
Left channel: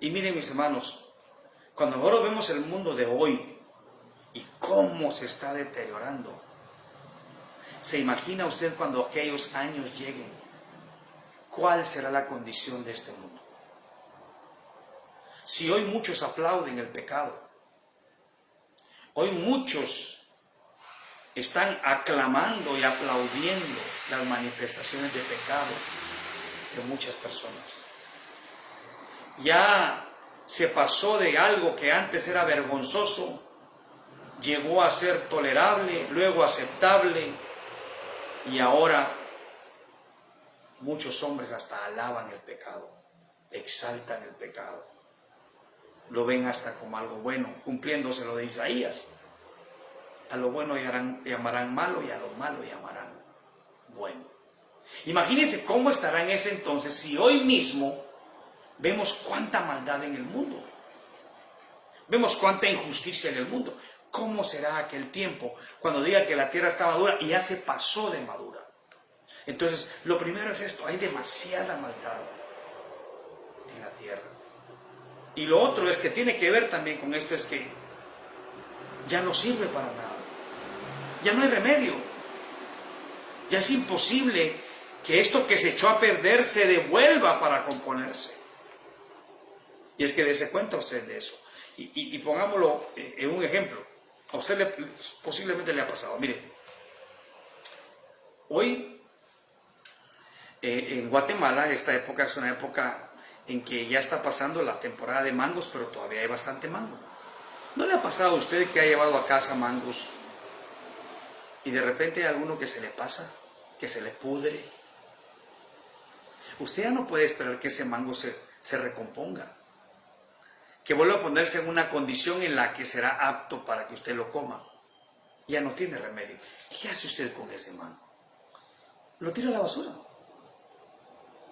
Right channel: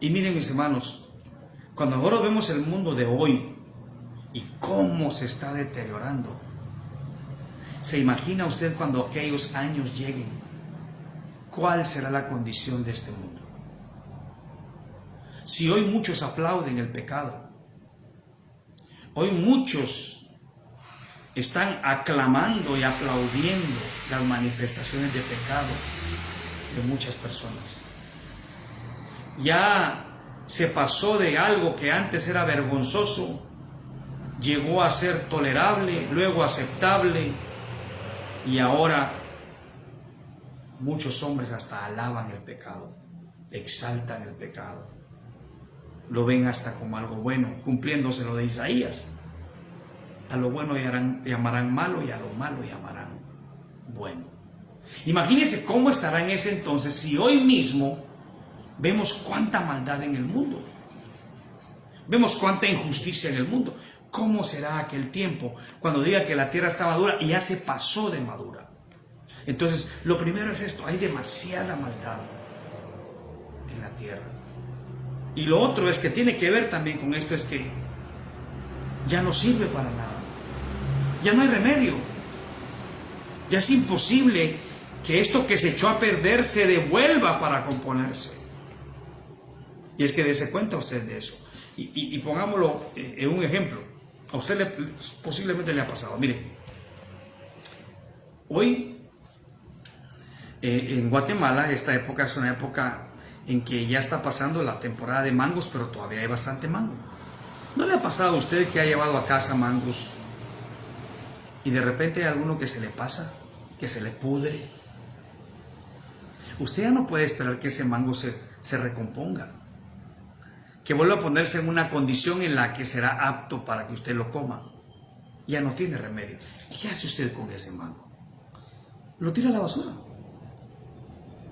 Y miren, mis hermanos, cuando ahora vemos el mundo de hoy y cómo se está deteriorando, ¿se imagina usted cuando aquellos años lleguen? ¿Cuál será la condición de este mundo? Si hoy muchos aplauden el pecado, hoy muchos están aclamando y aplaudiendo las manifestaciones de pecado de muchas personas. Ya se pasó de algo que antes era vergonzoso, llegó a ser tolerable, luego aceptable, y ahora muchos hombres hasta alaban el pecado, exaltan el pecado, lo ven hasta como algo bueno, cumpliéndose lo de Isaías: a lo bueno llamarán malo y a lo malo llamarán bueno. Imagínense cómo estará en ese entonces si hoy mismo vemos cuánta maldad en el mundo, vemos cuánta injusticia en el mundo. ¿Cómo será aquel tiempo cuando diga que la tierra está madura y ya se pasó de madura? Entonces, lo primero es esto: hay demasiada maldad en la tierra. Y lo otro es que tiene que ver también con esto, es que ya no sirve para nada. Ya no hay remedio. Ya es imposible que esto que se echó a perder se devuelva para componerse. Y es que dése cuenta usted de eso. Y pongámoslo en un ejemplo. A usted posiblemente le ha pasado. Mire, hoy En Guatemala esta época es una época en que ya está pasando la temporada de mangos, pero todavía hay bastante mango. ¿No le ha pasado a usted que ha llevado a casa mangos y de repente hay alguno que se le pasa, que se le pudre? Usted ya no puede esperar que ese mango se recomponga, que vuelva a ponerse en una condición en la que será apto para que usted lo coma. Ya no tiene remedio. ¿Qué hace usted con ese mango? Lo tira a la basura.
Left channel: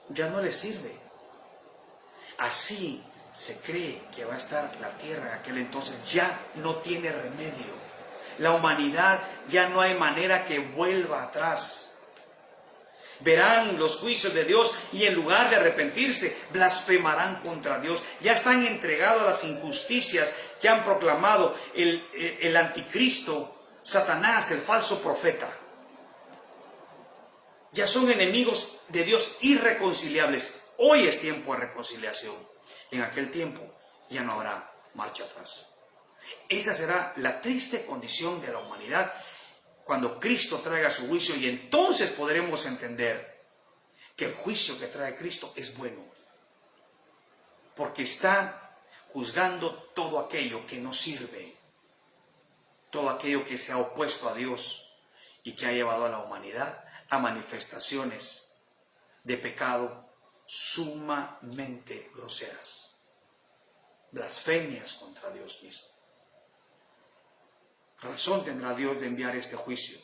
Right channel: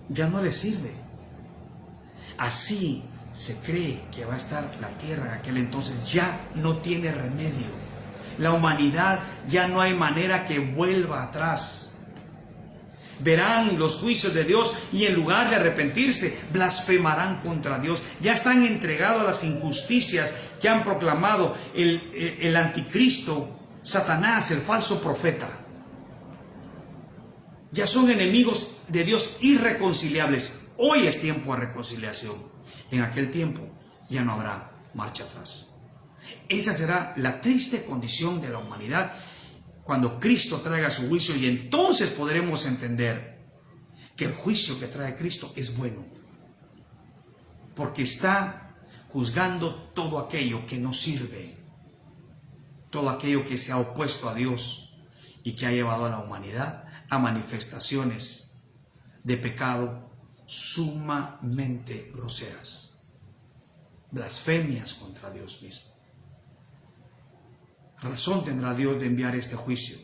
Ya no le sirve. Así se cree que va a estar la tierra en aquel entonces. Ya no tiene remedio. La humanidad ya no hay manera que vuelva atrás. Verán los juicios de Dios y en lugar de arrepentirse, blasfemarán contra Dios. Ya están entregados a las injusticias que han proclamado el anticristo, Satanás, el falso profeta. Ya son enemigos de Dios irreconciliables. Hoy es tiempo de reconciliación. En aquel tiempo ya no habrá marcha atrás. Esa será la triste condición de la humanidad cuando Cristo traiga su juicio, y entonces podremos entender que el juicio que trae Cristo es bueno, porque está juzgando todo aquello que no sirve, todo aquello que se ha opuesto a Dios y que ha llevado a la humanidad a manifestaciones de pecado sumamente groseras, blasfemias contra Dios mismo. Razón tendrá Dios de enviar este juicio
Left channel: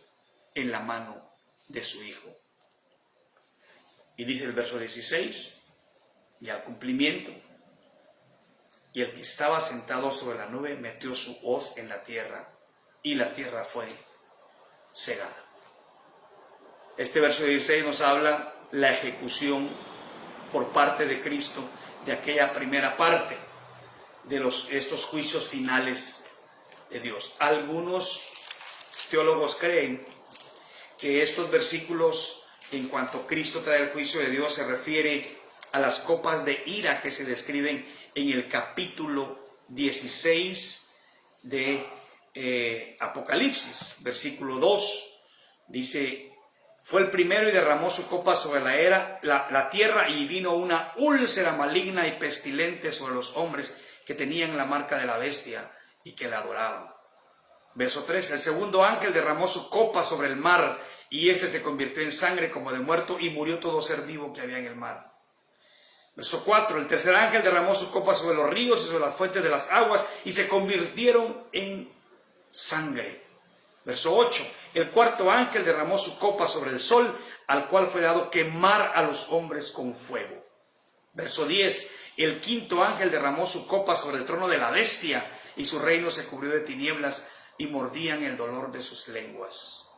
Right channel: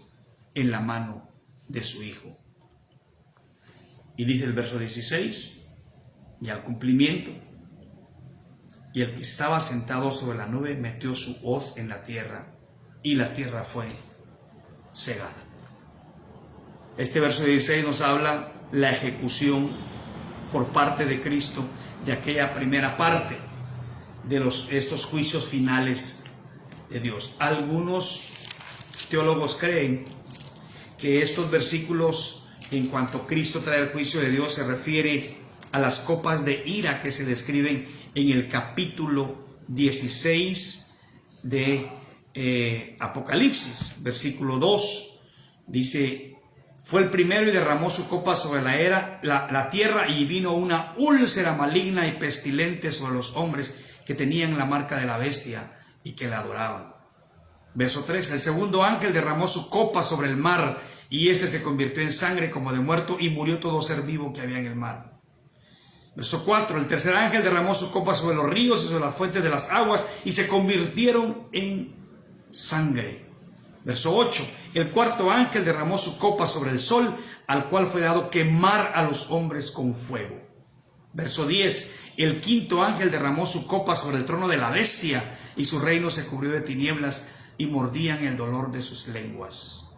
en la mano de su Hijo. Y dice el verso 16, y al cumplimiento, y el que estaba sentado sobre la nube metió su hoz en la tierra, y la tierra fue cegada. Este verso 16 nos habla la ejecución por parte de Cristo de aquella primera parte de estos juicios finales de Dios. Algunos teólogos creen que estos versículos, en cuanto Cristo trae el juicio de Dios, se refiere a las copas de ira que se describen en el capítulo 16 de Apocalipsis, versículo 2. Dice: fue el primero y derramó su copa sobre la tierra, y vino una úlcera maligna y pestilente sobre los hombres que tenían la marca de la bestia y que la adoraban. Verso 3, el segundo ángel derramó su copa sobre el mar, y éste se convirtió en sangre como de muerto, y murió todo ser vivo que había en el mar. Verso 4, el tercer ángel derramó su copa sobre los ríos y sobre las fuentes de las aguas, y se convirtieron en sangre. Verso 8, el cuarto ángel derramó su copa sobre el sol, al cual fue dado quemar a los hombres con fuego. Verso 10, el quinto ángel derramó su copa sobre el trono de la bestia, y su reino se cubrió de tinieblas, y mordían el dolor de sus lenguas.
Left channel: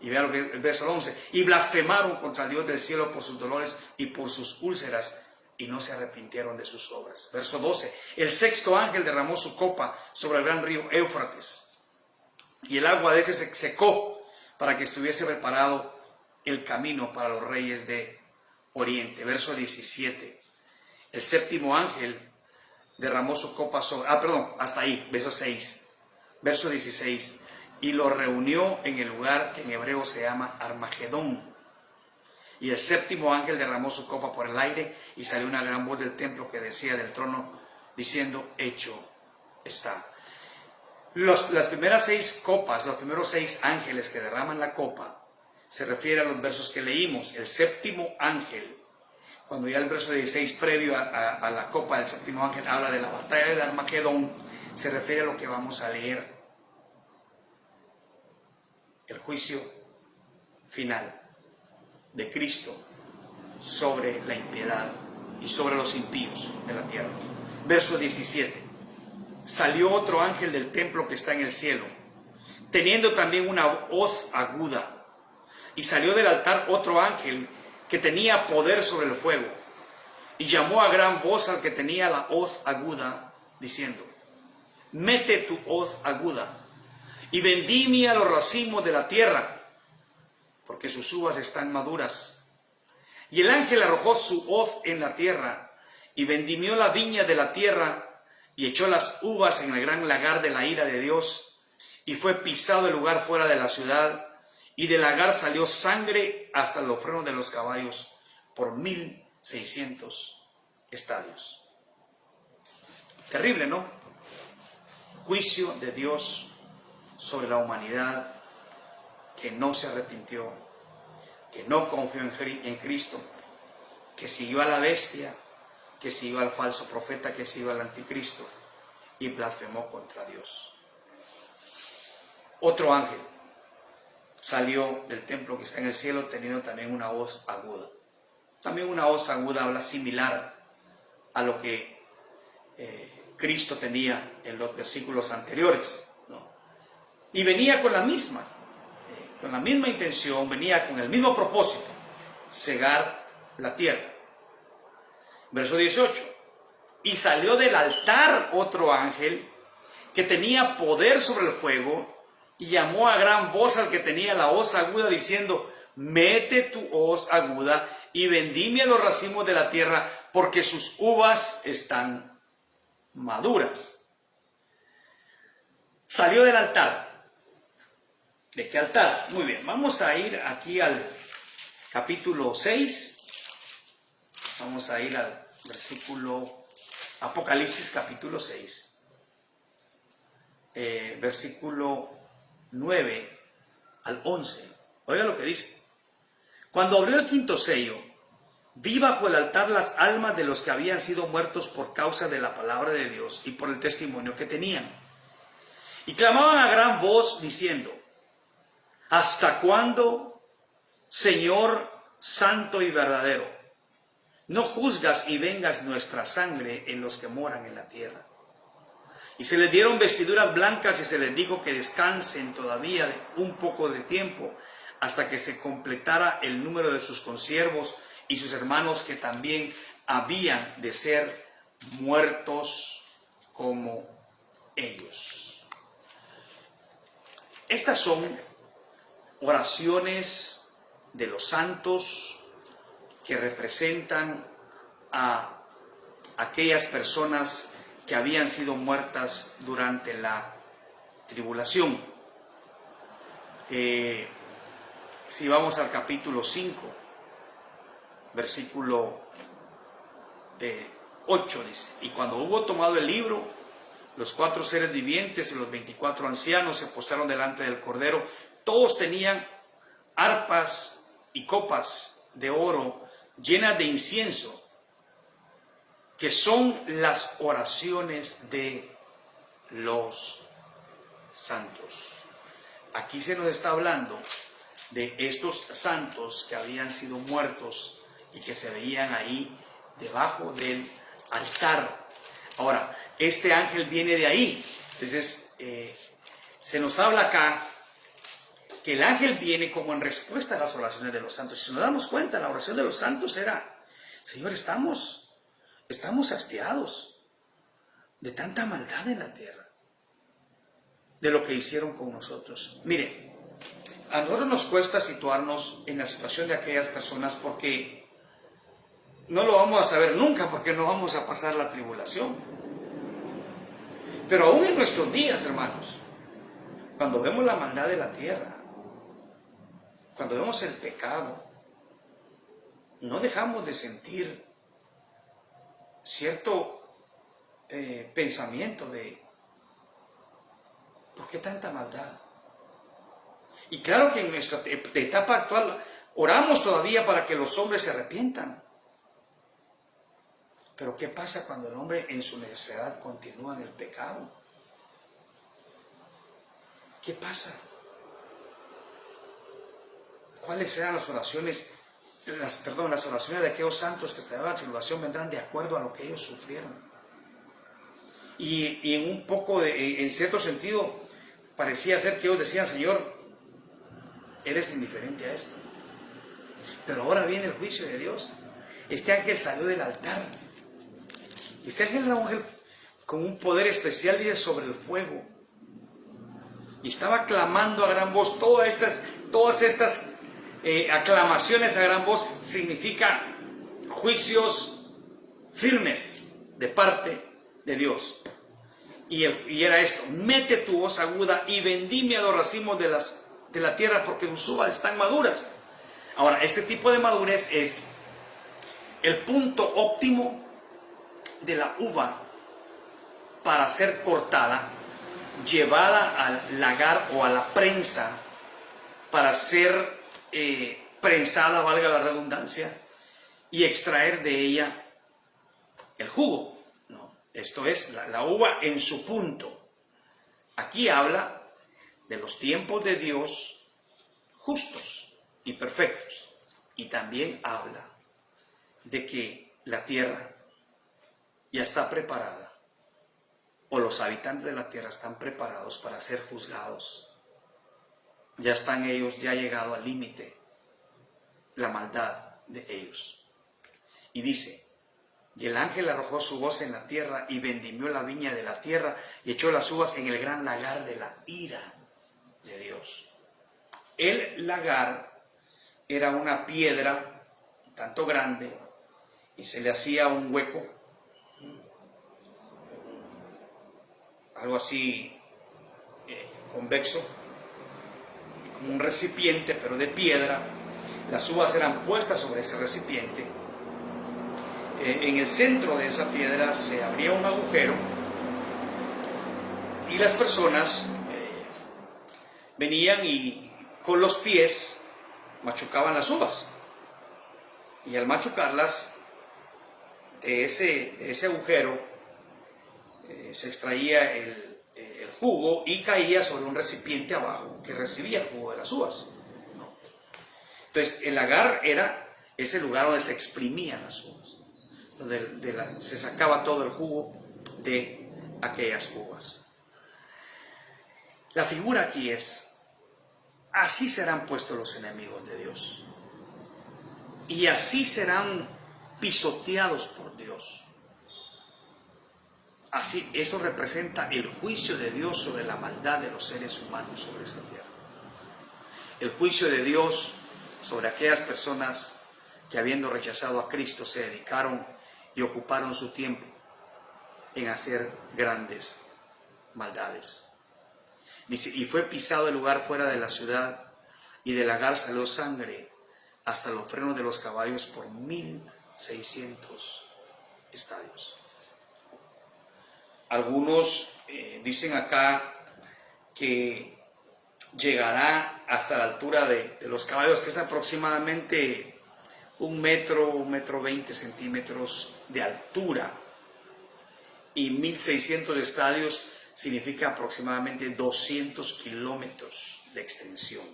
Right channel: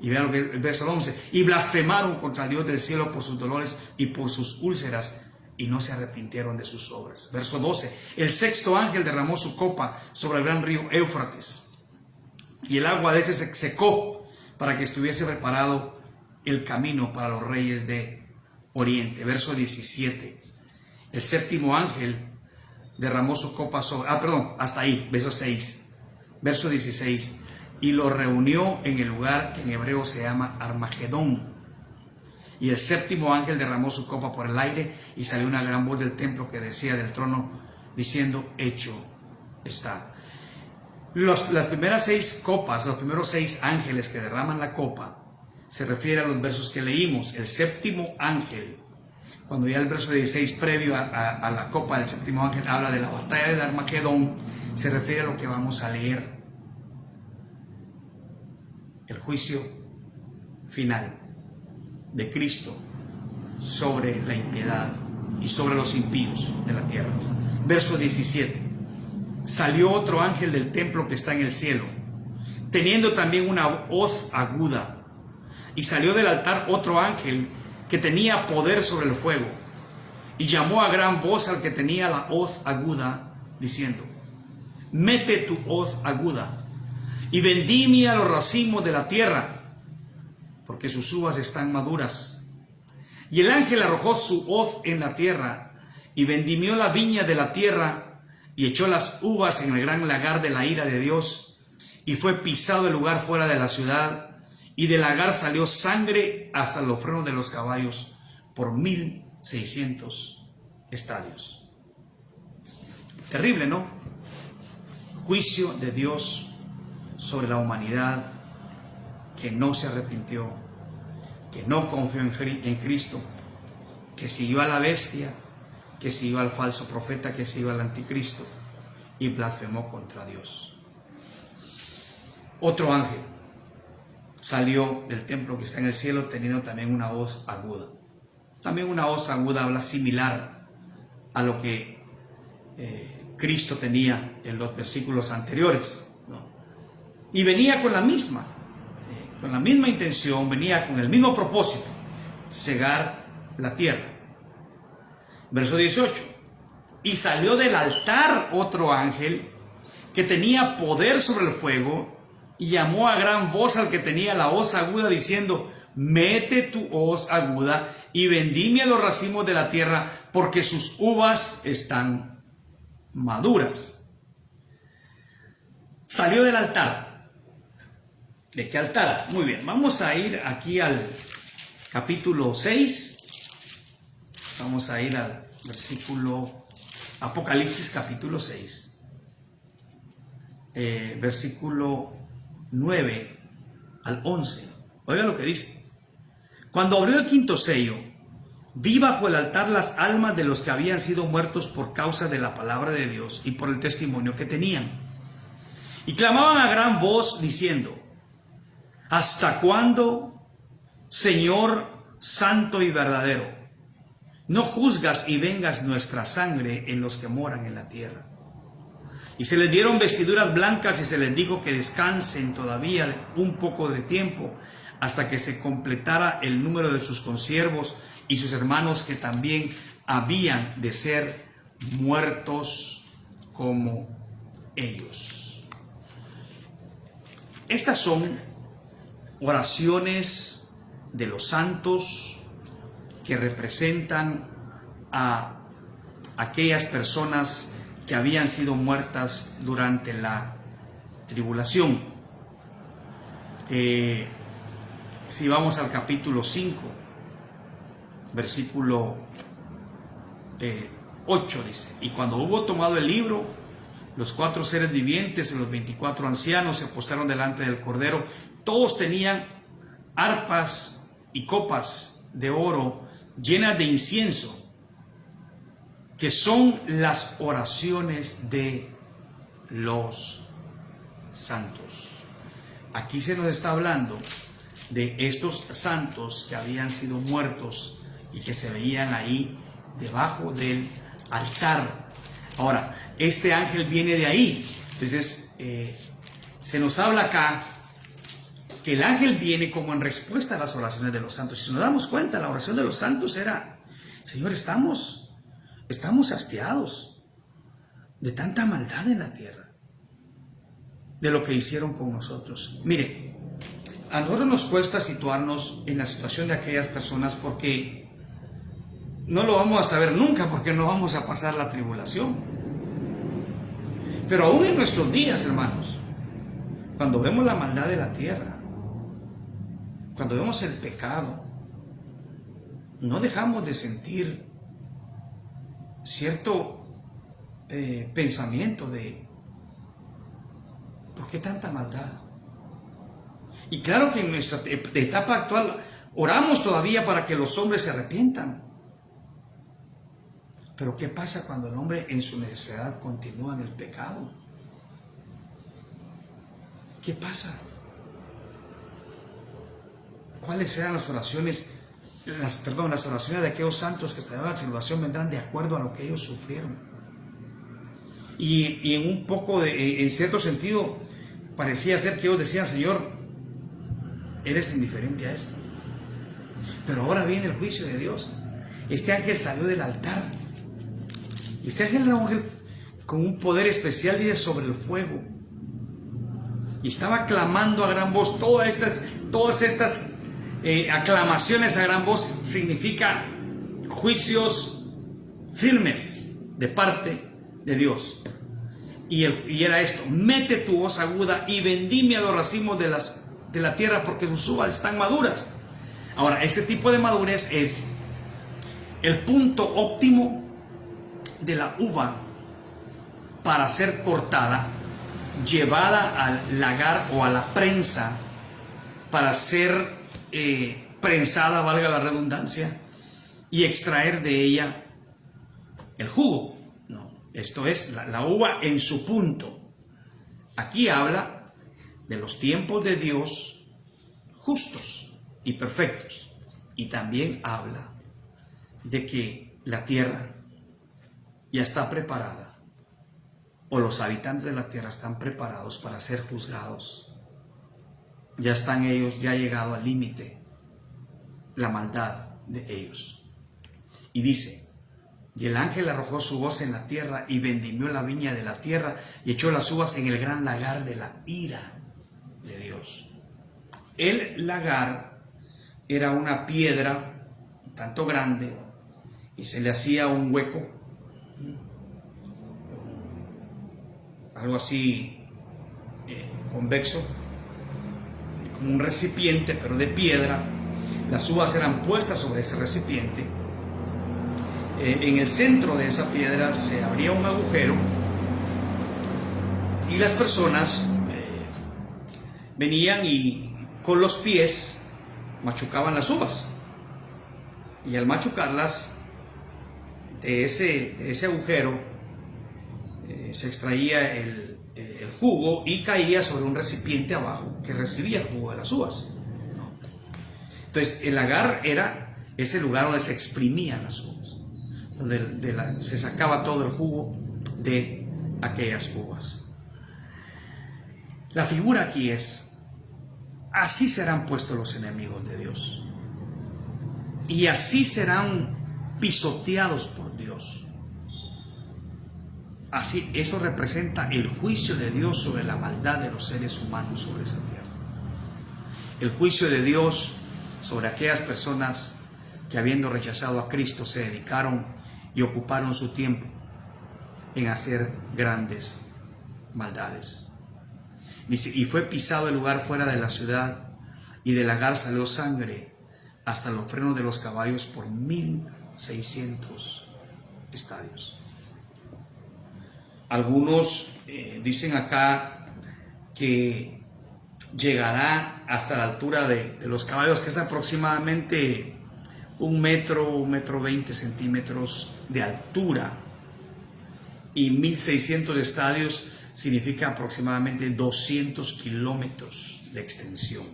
Y vean el verso 11, y blasfemaron contra Dios del cielo por sus dolores y por sus úlceras, y no se arrepintieron de sus obras. Verso 12, el sexto ángel derramó su copa sobre el gran río Éufrates, y el agua de ese se secó para que estuviese preparado el camino para los reyes de Oriente. Verso 17, el séptimo ángel derramó su copa sobre... hasta ahí, verso 6. Verso 16, y lo reunió en el lugar que en hebreo se llama Armagedón. Y el séptimo ángel derramó su copa por el aire, y salió una gran voz del templo que decía del trono, diciendo: hecho está. Las primeras 6 copas, los primeros 6 ángeles que derraman la copa, se refiere a los versos que leímos. El séptimo ángel, cuando ya el verso 16 previo a la copa del séptimo ángel habla de la batalla de Armagedón, se refiere a lo que vamos a leer: el juicio final de Cristo sobre la impiedad y sobre los impíos de la tierra. Verso 17, salió otro ángel del templo que está en el cielo, teniendo también una hoz aguda, y salió del altar otro ángel que tenía poder sobre el fuego, y llamó a gran voz al que tenía la hoz aguda, diciendo: mete tu hoz aguda y vendimia los racimos de la tierra, porque sus uvas están maduras. Y el ángel arrojó su hoz en la tierra, y vendimió la viña de la tierra, y echó las uvas en el gran lagar de la ira de Dios, y fue pisado el lugar fuera de la ciudad, y del lagar salió sangre hasta los frenos de los caballos por 1,600 estadios. Terrible, ¿no? Juicio de Dios sobre la humanidad que no se arrepintió, que no confió en Cristo, que siguió a la bestia, que siguió al falso profeta, que siguió al anticristo y blasfemó contra Dios. Otro ángel salió del templo que está en el cielo teniendo también una voz aguda. También una voz aguda habla similar a lo que Cristo tenía en los versículos anteriores, ¿no? Y venía con la misma intención, venía con el mismo propósito: cegar la tierra. Verso 18: y salió del altar otro ángel que tenía poder sobre el fuego, y llamó a gran voz al que tenía la hoz aguda, diciendo: mete tu hoz aguda y vendimia los racimos de la tierra, porque sus uvas están maduras. Salió del altar. ¿De qué altar? Muy bien, vamos a ir aquí al capítulo 6. Vamos a ir al versículo, Apocalipsis capítulo 6, versículo 9 al 11. Oigan lo que dice: cuando abrió el quinto sello, vi bajo el altar las almas de los que habían sido muertos por causa de la palabra de Dios y por el testimonio que tenían. Y clamaban a gran voz diciendo: ¿hasta cuándo, Señor santo y verdadero, no juzgas y vengas nuestra sangre en los que moran en la tierra? Y se les dieron vestiduras blancas y se les dijo que descansen todavía un poco de tiempo hasta que se completara el número de sus consiervos y sus hermanos que también habían de ser muertos como ellos. Estas son oraciones de los santos que representan a aquellas personas que habían sido muertas durante la tribulación. Si vamos al capítulo 5, versículo 8 dice: y cuando hubo tomado el libro, los 4 seres vivientes y los 24 ancianos se postraron delante del Cordero. Todos tenían arpas y copas de oro llenas de incienso, que son las oraciones de los santos. Aquí se nos está hablando de estos santos que habían sido muertos y que se veían ahí debajo del altar. Ahora, este ángel viene de ahí. Entonces, se nos habla acá que el ángel viene como en respuesta a las oraciones de los santos. Si nos damos cuenta, la oración de los santos era: Señor, estamos hastiados de tanta maldad en la tierra, de lo que hicieron con nosotros. Mire, a nosotros nos cuesta situarnos en la situación de aquellas personas porque no lo vamos a saber nunca, porque no vamos a pasar la tribulación. Pero aún en nuestros días, hermanos, cuando vemos la maldad de la tierra, cuando vemos el pecado, no dejamos de sentir cierto pensamiento de ¿por qué tanta maldad? Y claro que en nuestra etapa actual oramos todavía para que los hombres se arrepientan. Pero ¿qué pasa cuando el hombre en su necedad continúa en el pecado? ¿Qué pasa? ¿Cuáles eran las oraciones? Las oraciones de aquellos santos que estaban en la tribulación vendrán de acuerdo a lo que ellos sufrieron. Y en un poco, en cierto sentido, parecía ser que ellos decían: Señor, eres indiferente a esto. Pero ahora viene el juicio de Dios. Este ángel salió del altar. Y este ángel era un ángel con un poder especial, dice, sobre el fuego. Y estaba clamando a gran voz. Todas estas aclamaciones a gran voz significa juicios firmes de parte de Dios. Y era esto: mete tu voz aguda y vendimia los racimos de la tierra, porque sus uvas están maduras. Ahora, este tipo de madurez es el punto óptimo de la uva para ser cortada, llevada al lagar o a la prensa para ser prensada, valga la redundancia, y extraer de ella el jugo, ¿no? Esto es la uva en su punto. Aquí habla de los tiempos de Dios justos y perfectos, y también habla de que la tierra ya está preparada, o los habitantes de la tierra están preparados para ser juzgados. Ya están ellos, ya ha llegado al límite la maldad de ellos. Y dice: y el ángel arrojó su voz en la tierra y vendimió la viña de la tierra y echó las uvas en el gran lagar de la ira de Dios. El lagar era una piedra un tanto grande y se le hacía un hueco, algo así convexo, como un recipiente pero de piedra. Las uvas eran puestas sobre ese recipiente. En el centro de esa piedra se abría un agujero y las personas venían y con los pies machucaban las uvas, y al machucarlas de ese agujero se extraía el jugo y caía sobre un recipiente abajo que recibía el jugo de las uvas. Entonces el lagar era ese lugar donde se exprimían las uvas, donde se sacaba todo el jugo de aquellas uvas. La figura aquí es: así serán puestos los enemigos de Dios, y así serán pisoteados por Dios. Así, eso representa el juicio de Dios sobre la maldad de los seres humanos sobre esa tierra. El juicio de Dios sobre aquellas personas que, habiendo rechazado a Cristo, se dedicaron y ocuparon su tiempo en hacer grandes maldades. Dice: y fue pisado el lugar fuera de la ciudad, y del lagar salió sangre hasta los frenos de los caballos por 1600 estadios. Algunos dicen acá que llegará hasta la altura de los caballos, que es aproximadamente 1 metro 20 centímetros de altura, y 1600 estadios significa aproximadamente 200 kilómetros de extensión.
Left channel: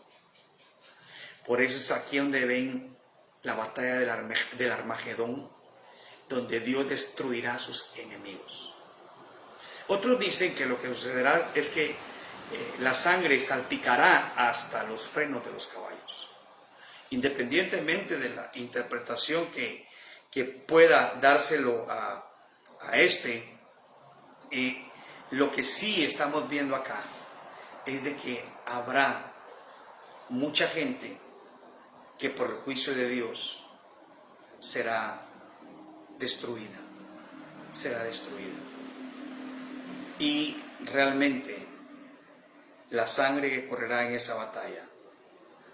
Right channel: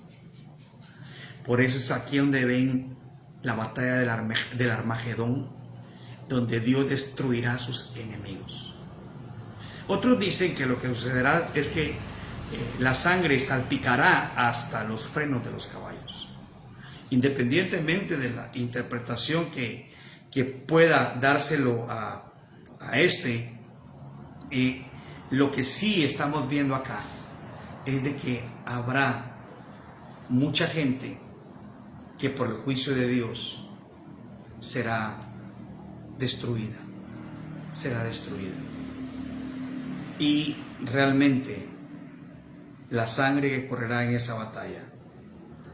Por eso es aquí donde ven la batalla del Armagedón, donde Dios destruirá a sus enemigos. Otros dicen que lo que sucederá es que la sangre salpicará hasta los frenos de los caballos. Independientemente de la interpretación que pueda dárselo a lo que sí estamos viendo acá es de que habrá mucha gente que por el juicio de Dios será destruida. Y realmente la sangre que correrá en esa batalla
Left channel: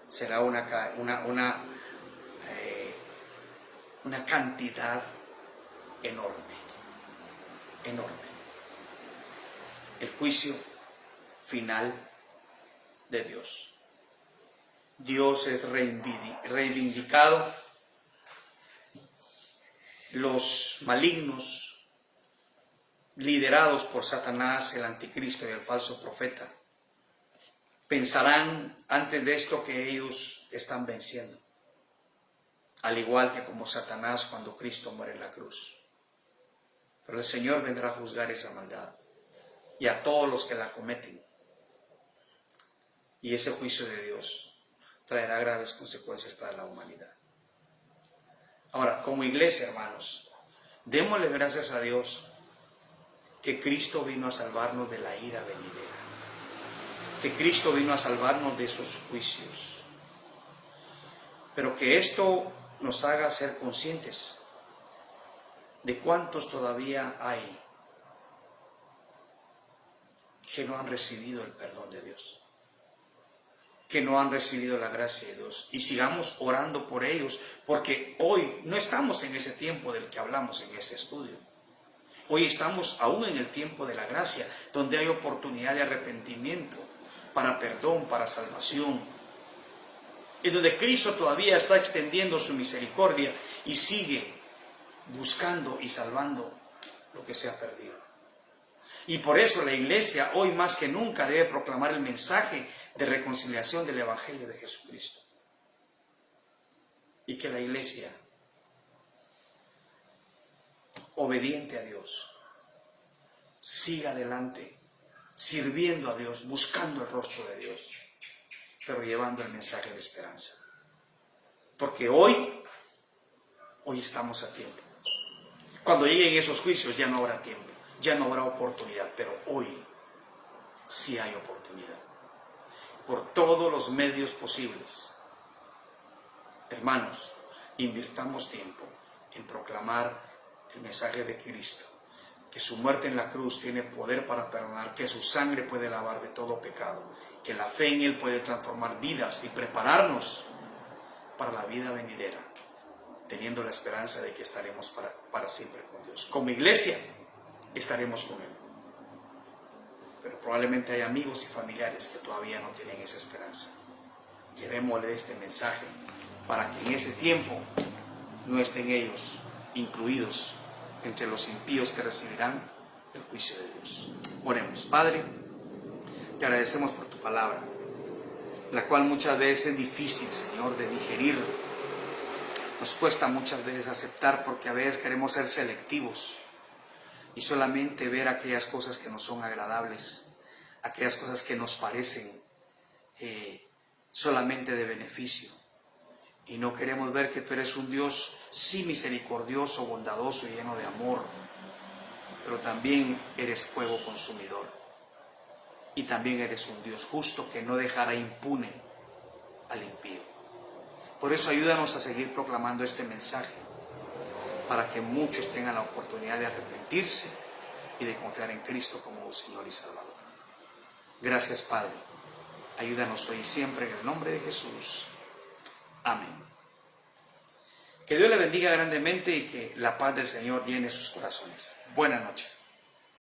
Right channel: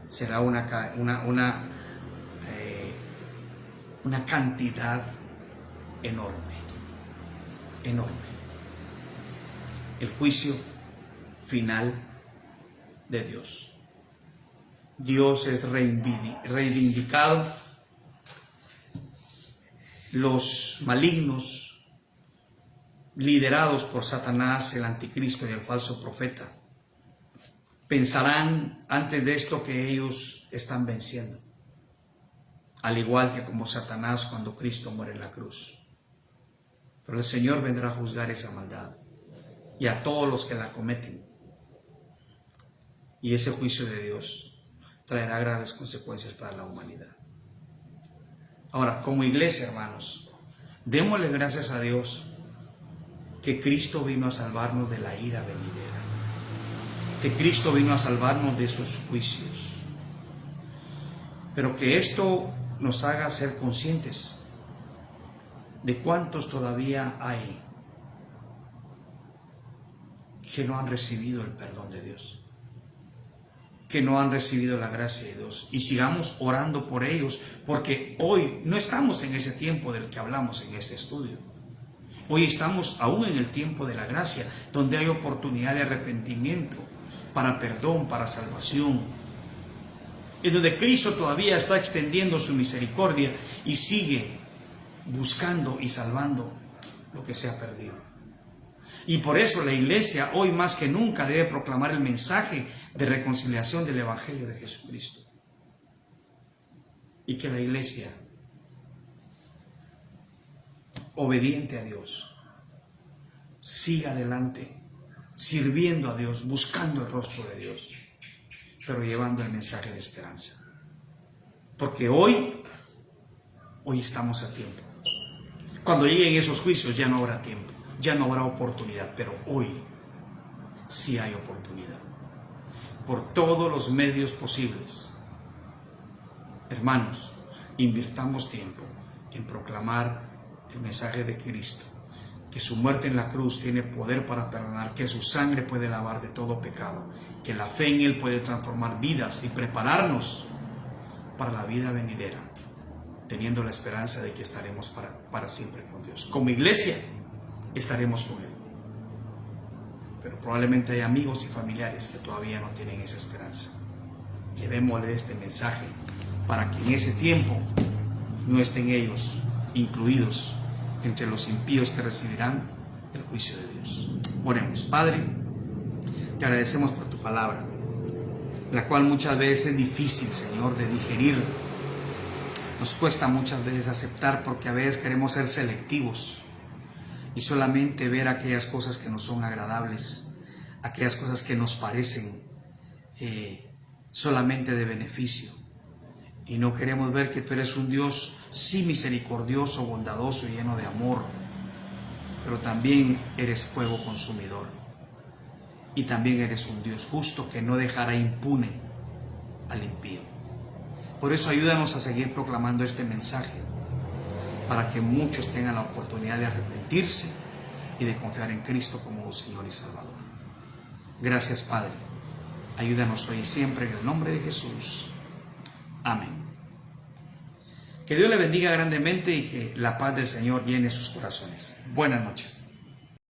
será una cantidad enorme. El juicio final de Dios. Dios es reivindicado. Los malignos, liderados por Satanás, el anticristo y el falso profeta, pensarán antes de esto que ellos están venciendo, al igual que como Satanás cuando Cristo muere en la cruz. Pero el Señor vendrá a juzgar esa maldad y a todos los que la cometen, y ese juicio de Dios traerá graves consecuencias para la humanidad. Ahora, como iglesia, hermanos, démosle gracias a Dios que Cristo vino a salvarnos de la ira venidera, que Cristo vino a salvarnos de sus juicios, pero que esto nos haga ser conscientes de cuántos todavía hay que no han recibido el perdón de Dios. que no han recibido la gracia de Dios, y sigamos orando por ellos, porque hoy no estamos en ese tiempo del que hablamos en este estudio. Hoy estamos aún en el tiempo de la gracia, donde hay oportunidad de arrepentimiento, para perdón, para salvación, en donde Cristo todavía está extendiendo su misericordia y sigue buscando y salvando lo que se ha perdido. Y por eso la iglesia hoy más que nunca debe proclamar el mensaje de reconciliación del Evangelio de Jesucristo. Y que la iglesia, obediente a Dios, siga adelante, sirviendo a Dios, buscando el rostro de Dios, pero llevando el mensaje de esperanza. Porque hoy estamos a tiempo. Cuando lleguen esos juicios ya no habrá tiempo, ya no habrá oportunidad, pero hoy sí hay oportunidad. Por todos los medios posibles. Hermanos, invirtamos tiempo en proclamar el mensaje de Cristo, que su muerte en la cruz tiene poder para perdonar, que su sangre puede lavar de todo pecado, que la fe en Él puede transformar vidas y prepararnos para la vida venidera, teniendo la esperanza de que estaremos para siempre con Dios. Como iglesia estaremos con Él. Pero probablemente hay amigos y familiares que todavía no tienen esa esperanza. Llevémosle este mensaje para que en ese tiempo no estén ellos incluidos entre los impíos que recibirán el juicio de Dios. Oremos. Padre, te agradecemos por tu palabra, la cual muchas veces es difícil, Señor, de digerir. Nos cuesta muchas veces aceptar, porque a veces queremos ser selectivos y solamente ver aquellas cosas que nos son agradables, aquellas cosas que nos parecen solamente de beneficio. Y no queremos ver que tú eres un Dios sí misericordioso, bondadoso y lleno de amor, pero también eres fuego consumidor. Y también eres un Dios justo que no dejará impune al impío. Por eso ayúdanos a seguir proclamando este mensaje, para que muchos tengan la oportunidad de arrepentirse y de confiar en Cristo como Señor y Salvador. Gracias, Padre. Ayúdanos hoy y siempre en el nombre de Jesús. Amén. Que Dios le bendiga grandemente y que la paz del Señor llene sus corazones. Buenas noches.